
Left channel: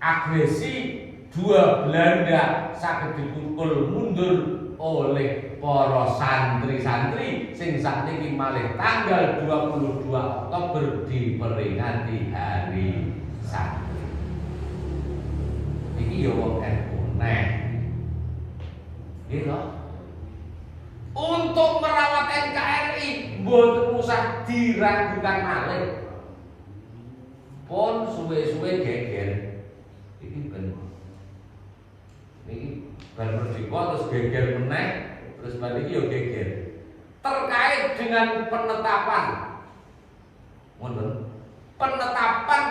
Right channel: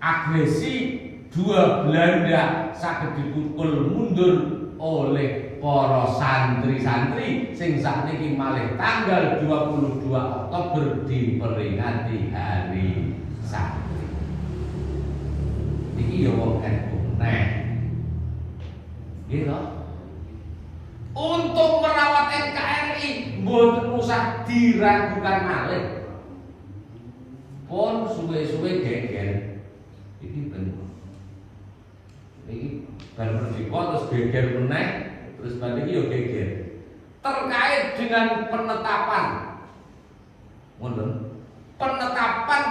agresi dua Belanda saged dipukul mundur oleh para santri-santri sing sakniki malih tanggal 22 Oktober diperingati hari santri. Iki ya wong NU neh. Gitu. Untuk merawat NKRI mboten usah diragukan malih. Pun suwe-suwe geger. Iki ben merdeka terus geger meneh, terus balik yo geger. Terkait dengan penetapan, penetapan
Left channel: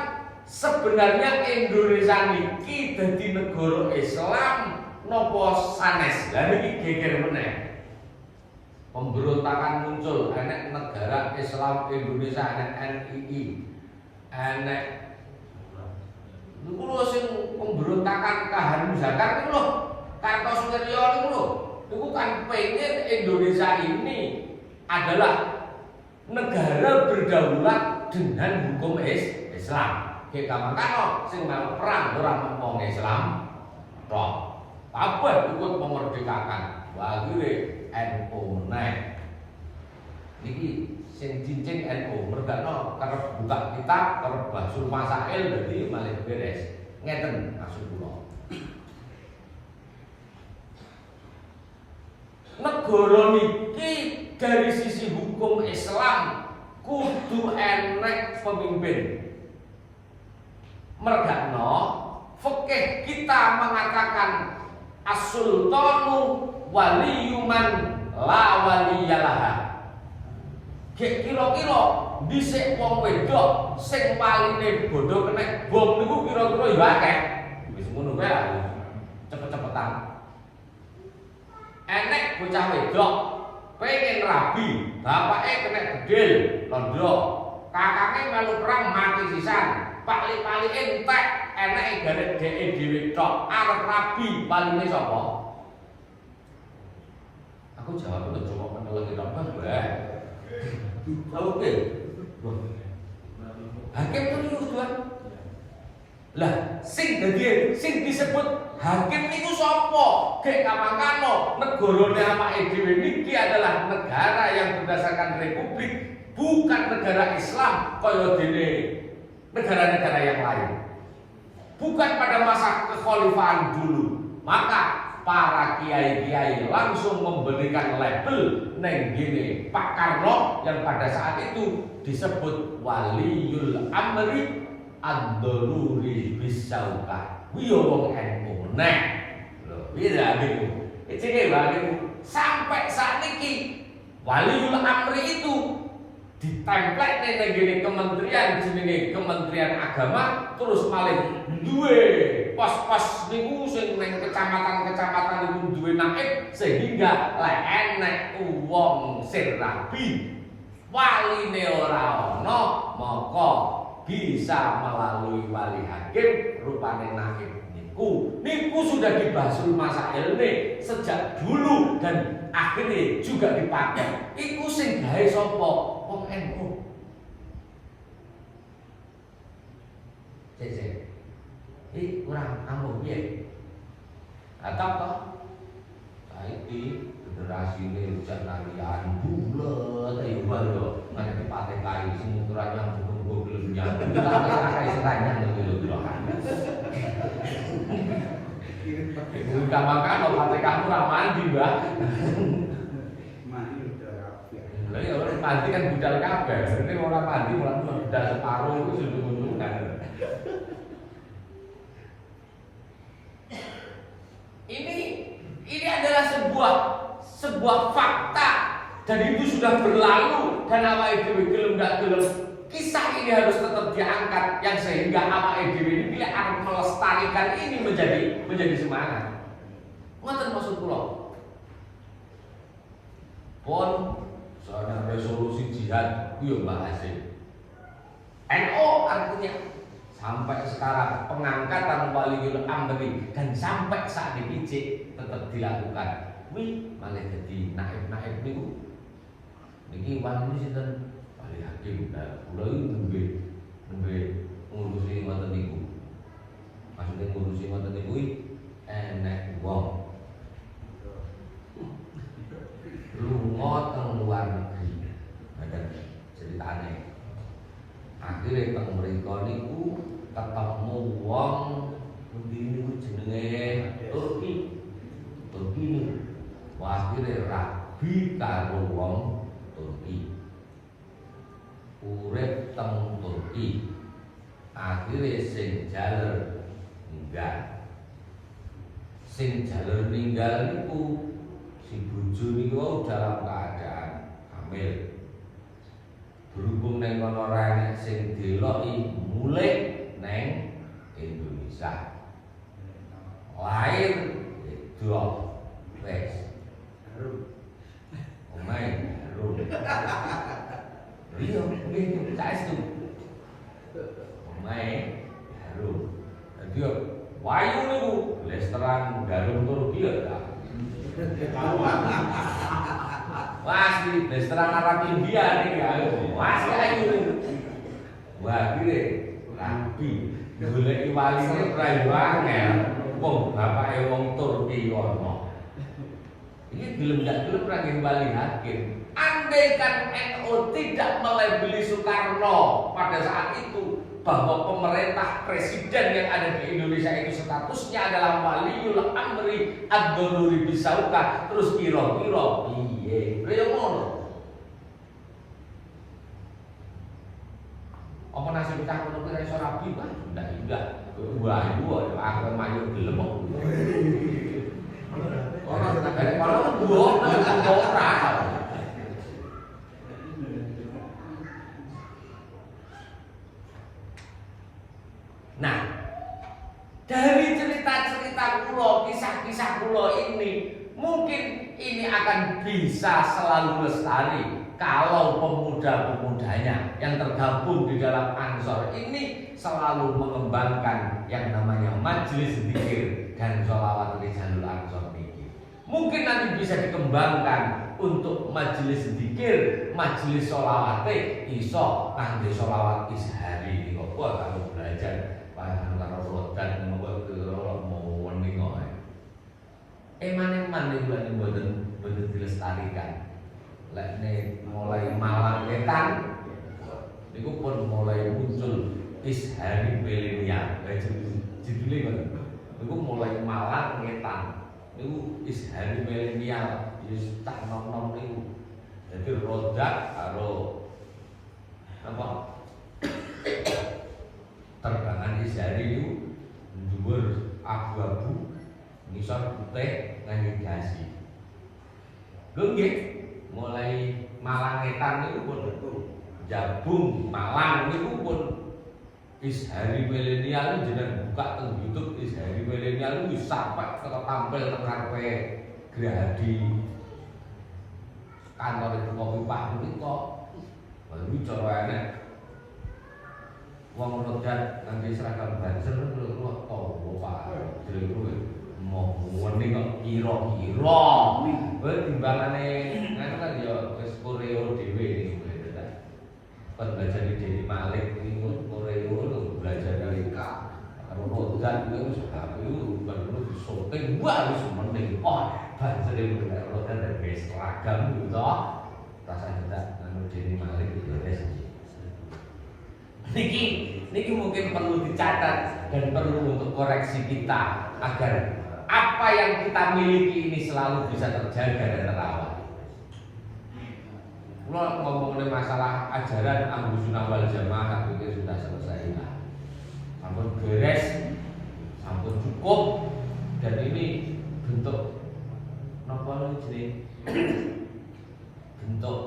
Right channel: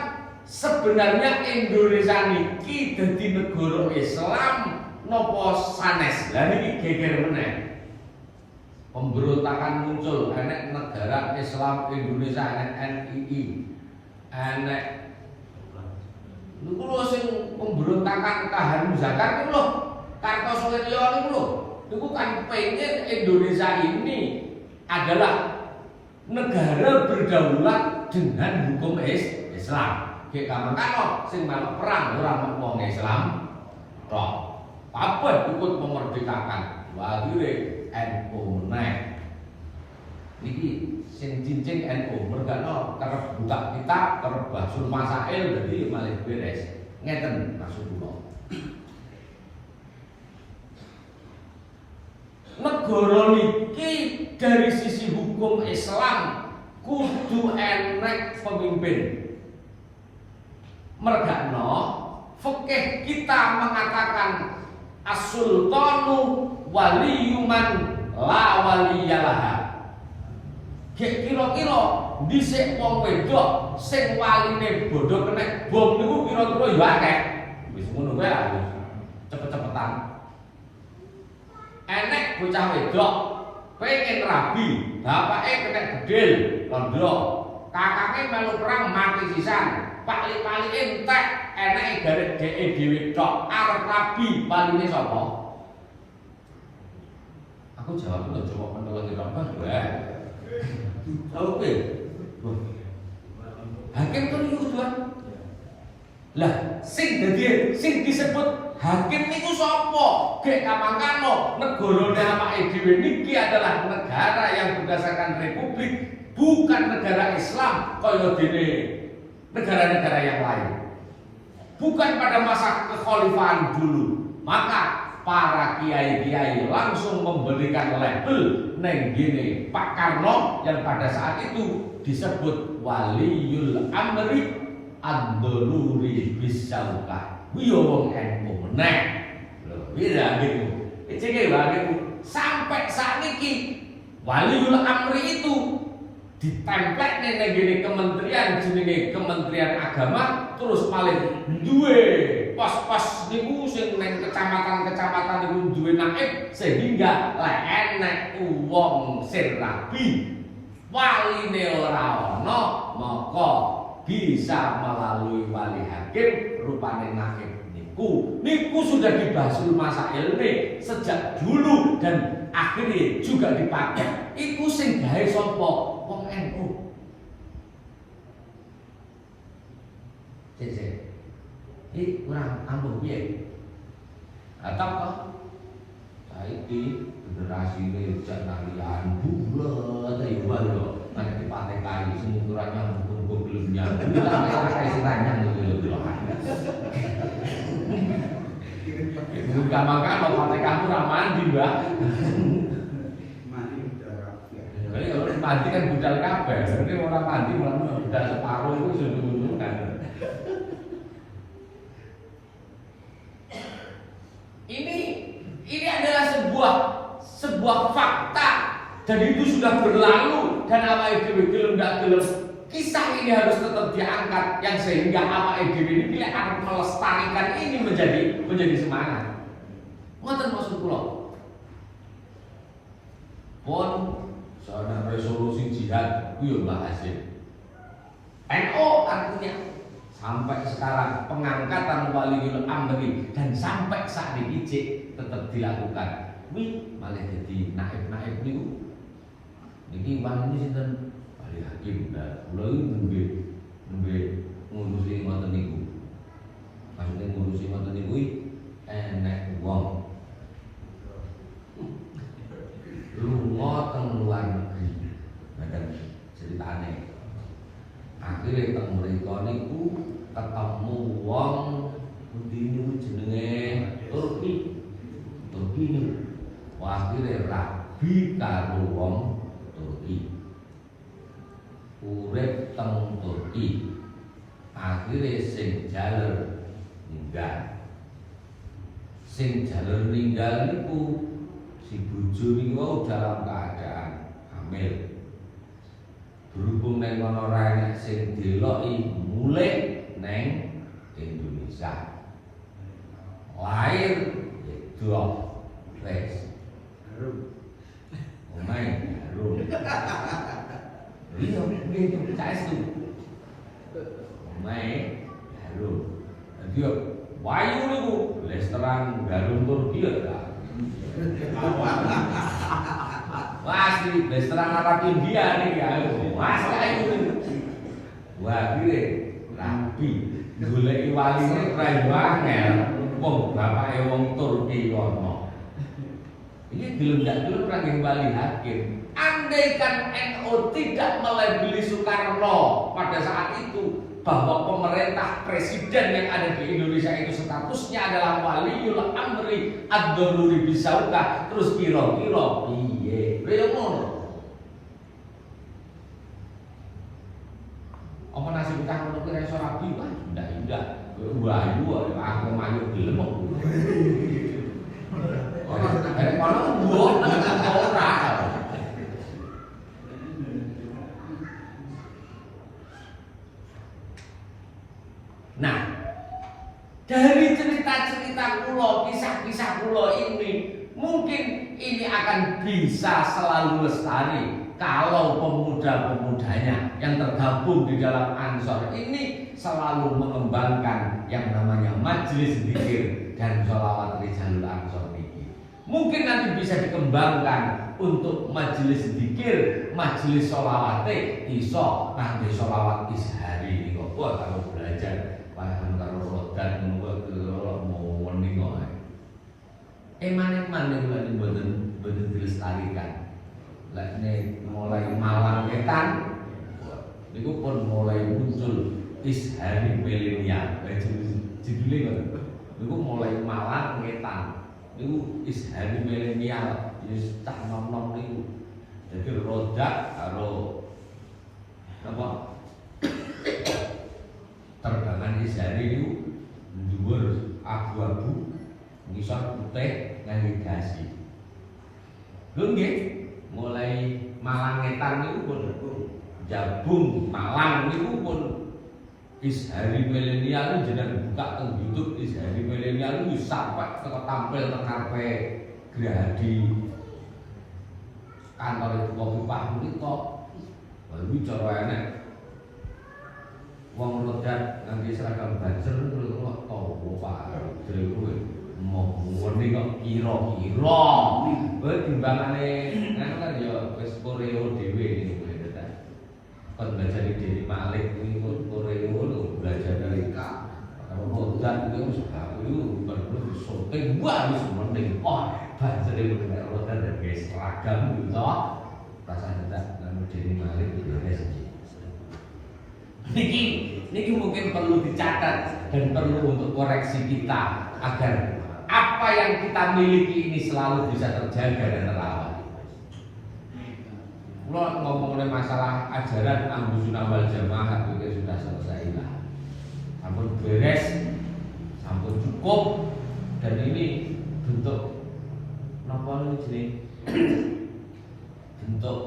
sebenarnya Indonesia niki dadi negara Islam napa sanes. Lah niki geger meneh. Pemberontakan muncul, enek negara Islam Indonesia, enek NII, enek niku lho sing pemberontakan Kahan Zakar niku lho, Kartosoewiryo niku lho, niku kan pengen Indonesia ini adalah negara berdaulat dengan hukum Islam. Kayak kamangkano sing melu perang ora wong Islam tok. Apa ikut memerdekakan? Akhire NU meneh. Niki sing cincin NU mergano karep buka kitab, karep basul masail dadi malih beres. Ngeten maksud kula. Negara niki dari sisi hukum Islam kudu enek pemimpin. Mergano fikih kita mengatakan as-sultanu waliyuman la waliyalah. Kira-kira dhisik wong wedok sing waline bodho kena bom niku kira-kira ya akeh. Wis ngono wae lah. Cepet-cepetan. Enek bocah wedok pengen rabi, bapake kena gedil, londo. Kakake melu perang mati sisan. Pali-palike entek, eneke garek dheke dhewe tok arep rabi, paline sapa? Aku jawab udah coba menolong tok Bang. Oke. Hakim itu niku Tuhan. Lah, sing disebut hakim niku sapa? Gek kamangkano negarane awake dhewe niki adalah negara yang berdasarkan republik, bukan negara Islam kaya dene negara-negara yang lain. Bukan pada masa kekhalifahan dulu. Maka para kiai-kiai langsung memberikan label neng gini Pak Karno yang pada saat itu disebut waliyul amri ad-daruri bisaukah. Wiyo wong NU meneh. Lho, bisa gitu. Iki gitu. Sampai saat ini waliyul amri itu ditemplek neng gini kementerian jenenge Kementerian Agama terus malih duwe pos-pos niku sing neng kecamatan-kecamatan niku duwe naib sehingga lek enek wong sing rabi waline ora ana maka bisa melalui wali hakim rupane naib niku sudah dibahas masail ini sejak dulu dan akhirnya juga dipakai. Iku sing gawe sapa? Wong NU. Cek. Iki kurang ampuh piye? Atau kok saiki generasi ini jangan bulet ayo lho. Nek dipate kali sing ukurannya buku belum nyampe. Kita pakai istilahnya niku lho. Bukan makan lo pate kamu ramandi mbak. Jadi kalau mandi kan budal kabeh. Sebenarnya orang mandi malah budal separuh itu sudah menunjukkan. Ini adalah sebuah fakta dan itu sudah berlalu dan awake dhewe gelem gak gelem. Kisah ini harus tetap diangkat yang sehingga awake dhewe ini bila akan melestarikan ini menjadi semangat. Ngoten maksud kula. Pun soalnya resolusi jihad ku yo Mbah Hasim. NU artinya sampai sekarang pengangkatan waliul amri dan sampai saat ini tetap dilakukan. Wih, malah jadi naib-naib niku. Niki wali sinten? Wali hakim. Nah, kula iki nembe ngurusi ngoten niku. Maksudnya ngurusi ngoten niku enek wong lunga teng luar negeri. Ngeten ceritane. Akhire teng mriku niku ketemu wong pundi niku jenenge Turki. Turki niku akhire rabi karo wong Turki. Urip teng Turki. Akhire sing jaler ninggal. Sing jaler ninggal niku si bojo niku dalam keadaan hamil. Berhubung neng kono ra enek sing deloki mulih neng Indonesia. Lahir itu wes. Omae karo. Iya, nggih saestu. Omae karo. Dadi yo wayu niku restoran Garung Turki ya. Wah, di restoran Arab India nih ya. Wah, kayak gitu. Wah, gile rapi. Goleki waline ora yo angel. Wong bapake wong Turki kono. Ini gelem ndak gelem ra wali hakim. Andai kan NU tidak melabeli Soekarno pada saat itu bahwa pemerintah presiden yang ada di Indonesia itu statusnya adalah waliul amri ad-daruri bisauka, terus kira-kira piye? Lha ngono. Apa nasib kita ngono ki iso rabi kan? Ndak. Wayu aku mayu gelem kok. Ora arek kono mbok ora. Nah, dari cerita-cerita kula, kisah-kisah kula ini, mungkin ini akan bisa selalu lestari kalau pemuda-pemudanya yang tergabung di dalam Ansor ini selalu mengembangkan yang namanya majelis zikir dan sholawat Rijalul Ansor ini. Mungkin nanti bisa dikembangkan untuk majelis zikir, majelis sholawate iso kangge sholawat ishari niku. Wah, kalau belajar dan membuat kelolok mau meningo. Manen bulan boten dilestarikan. Lah ini mulai Malang Wetan, niku pun mulai muncul ishari milenial. Judulnya kan, niku mulai Malang Wetan, niku ishari milenial. Wis tak nom-nom niku. Jadi rodak karo apa? Terbangan ishari niku dhuwur abu-abu ngisor putih navigasi. Lho nggih, mulai Malang Wetan niku pun Jabung Malang niku pun ishari milenial jenengan buka teng YouTube ishari milenial wis sampai tampil teng ngarepe Grahadi kantor itu Kopiah niku. Lalu cara enek wong rodat nanti seragam banser menurut Allah tau Pak jadi mau wening kok kira-kira kowe timbangane kan ya wis koreo dhewe niku kan belajar di Deni Malik niku koreo belajar dari rodat itu baru syuting wah wis mending banser itu rodat dari seragam gitu rasa kita nang Deni Malik itu wis Niki mungkin perlu dicatat dan perlu untuk koreksi kita agar apa yang kita miliki ini selalu bisa terjaga dan terawat. Kalau ngomongin masalah ajaran Ahlussunnah wal Jamaah itu sudah selesai lah. Sampun beres, sampun cukup dan ini bentuk napa jenenge bentuk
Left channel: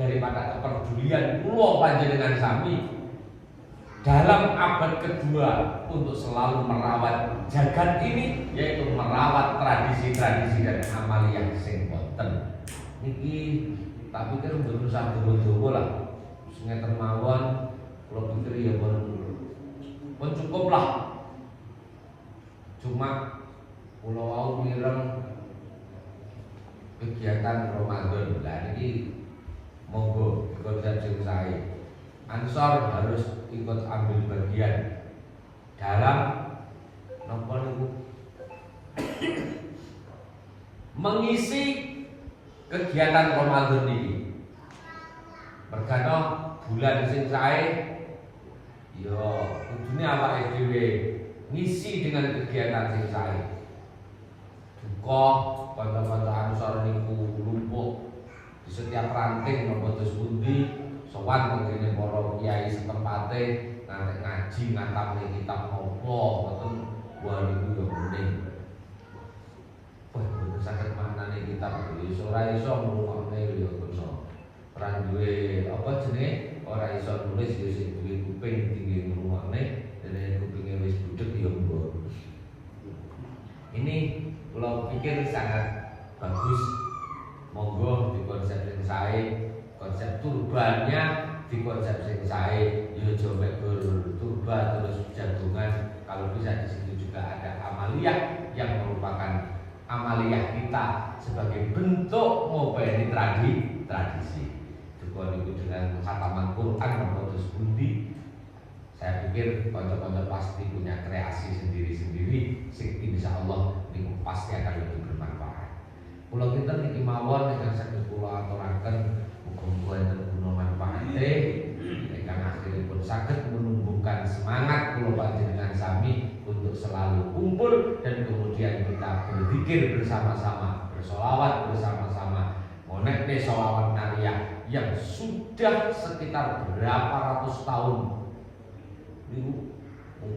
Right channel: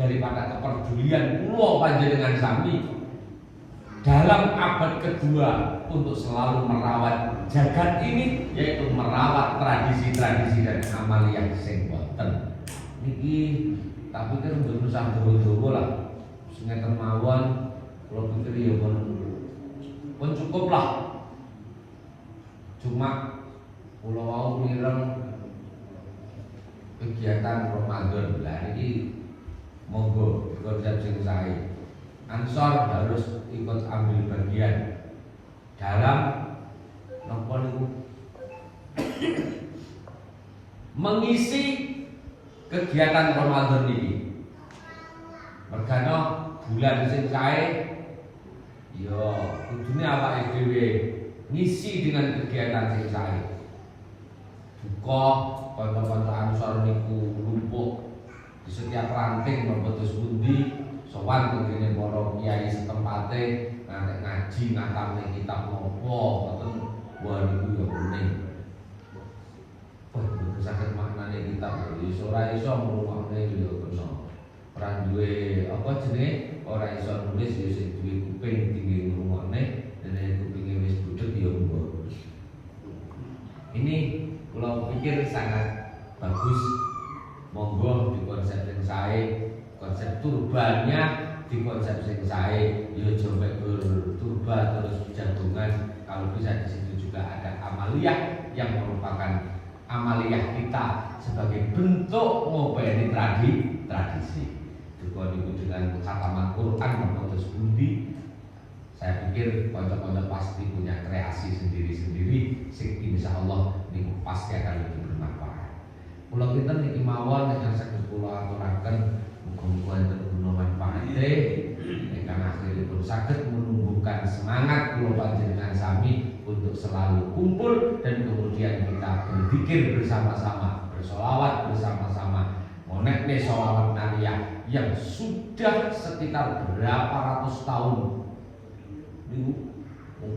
daripada kepedulian kula panjenengan sami dalam abad kedua untuk selalu merawat jagat ini, yaitu merawat tradisi-tradisi dan amaliyah sing wonten niki. Tapi kan belum sampeyan lah ngeten mawon kula pikir ya pun cukup lah. Cuma kula wau mireng kegiatan Ramadan lah niki monggo konsep sing sae Ansor harus ikut ambil bagian dalam napa niku mengisi kegiatan Ramadan ini. Mergano bulan sing sae yo kudune awake dhewe ngisi dengan kegiatan sing sae. Duka kanca-kanca Ansor niku lumpuh di setiap ranting nombotos pundi sowan kene para kiai setempate ngantek ngaji ngatamne kitab apa ngoten wah niku yo kuning. Wah saged maknane kitab iso ora iso ngrungokne yo kena. Ora duwe apa jenenge ora iso nulis yo sing duwe kuping tinggi ngrungokne dene kupinge wis budheg yo mbok. Ini kula pikir sangat bagus. Monggo di konsep sing sae, konsep turbannya di konsep sing sae, yo coba turba terus jagungan. Kalau bisa di situ juga ada amaliyah yang merupakan amaliyah kita sebagai bentuk ngopeni tradisi. Juga itu dengan khataman Quran memputus bundi. Saya pikir konco-konco pasti punya kreasi sendiri-sendiri. Sing insyaallah niku pasti akan lebih bermanfaat. Kula kinten niki mawon ingkang saged kula aturaken muga-muga enten guna manfaate ingkang akhiripun saged menumbuhkan semangat kula panjenengan sami untuk selalu kumpul dan kemudian kita berzikir bersama-sama, bersolawat bersama-sama. Monekne solawat nariyah yang sudah sekitar berapa ratus tahun dulu,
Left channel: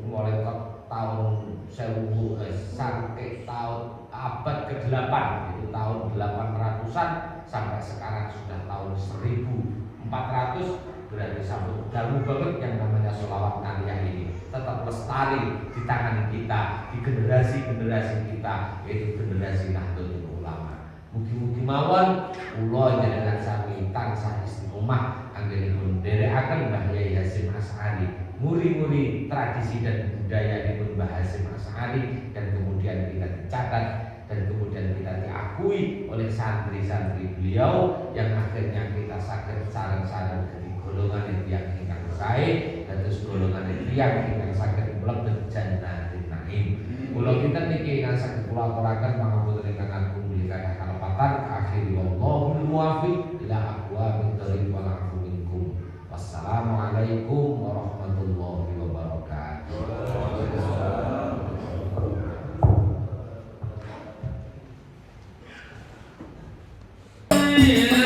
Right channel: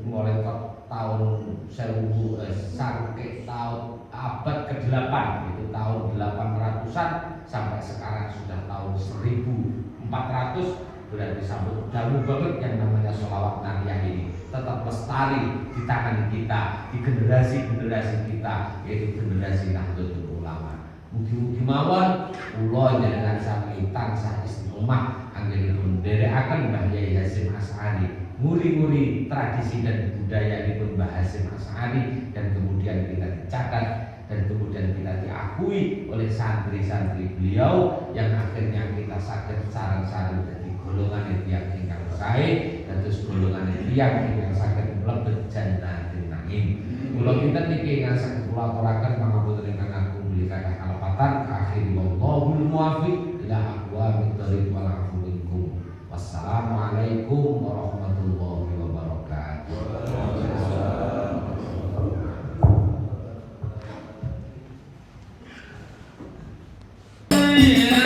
mulai tahun 1000 sampai tahun abad ke-8 itu tahun 800-an sampai sekarang sudah tahun 1400. Berarti sambut jauh banget yang namanya sholawat nariyah ini tetap lestari di tangan kita, di generasi-generasi kita, yaitu generasi Nahdlatul Ulama. Mugi-mugi mawon kula njenengan sami tansah istiqomah anggenipun nderekaken Mbah Yai Hasyim Asy'ari, muri-muri tradisi dan budaya dipun Mbah Hasyim Asy'ari, dan kemudian kita dicatat dan kemudian kita diakui oleh santri-santri beliau yang akhirnya kita saged sareng-sareng dadi golongan yang ingkang sae dados golongan yang ingkang saged mlebet jannatin naim. Kula kinten niki ingkang saged kula aturaken mangapun ingkang agung belikan kalepatan akhir wallahul muwaffiq ila aqwamit thoriq wal afu minkum. Wassalamualaikum warahmatullahi wabarakatuh. Yeah.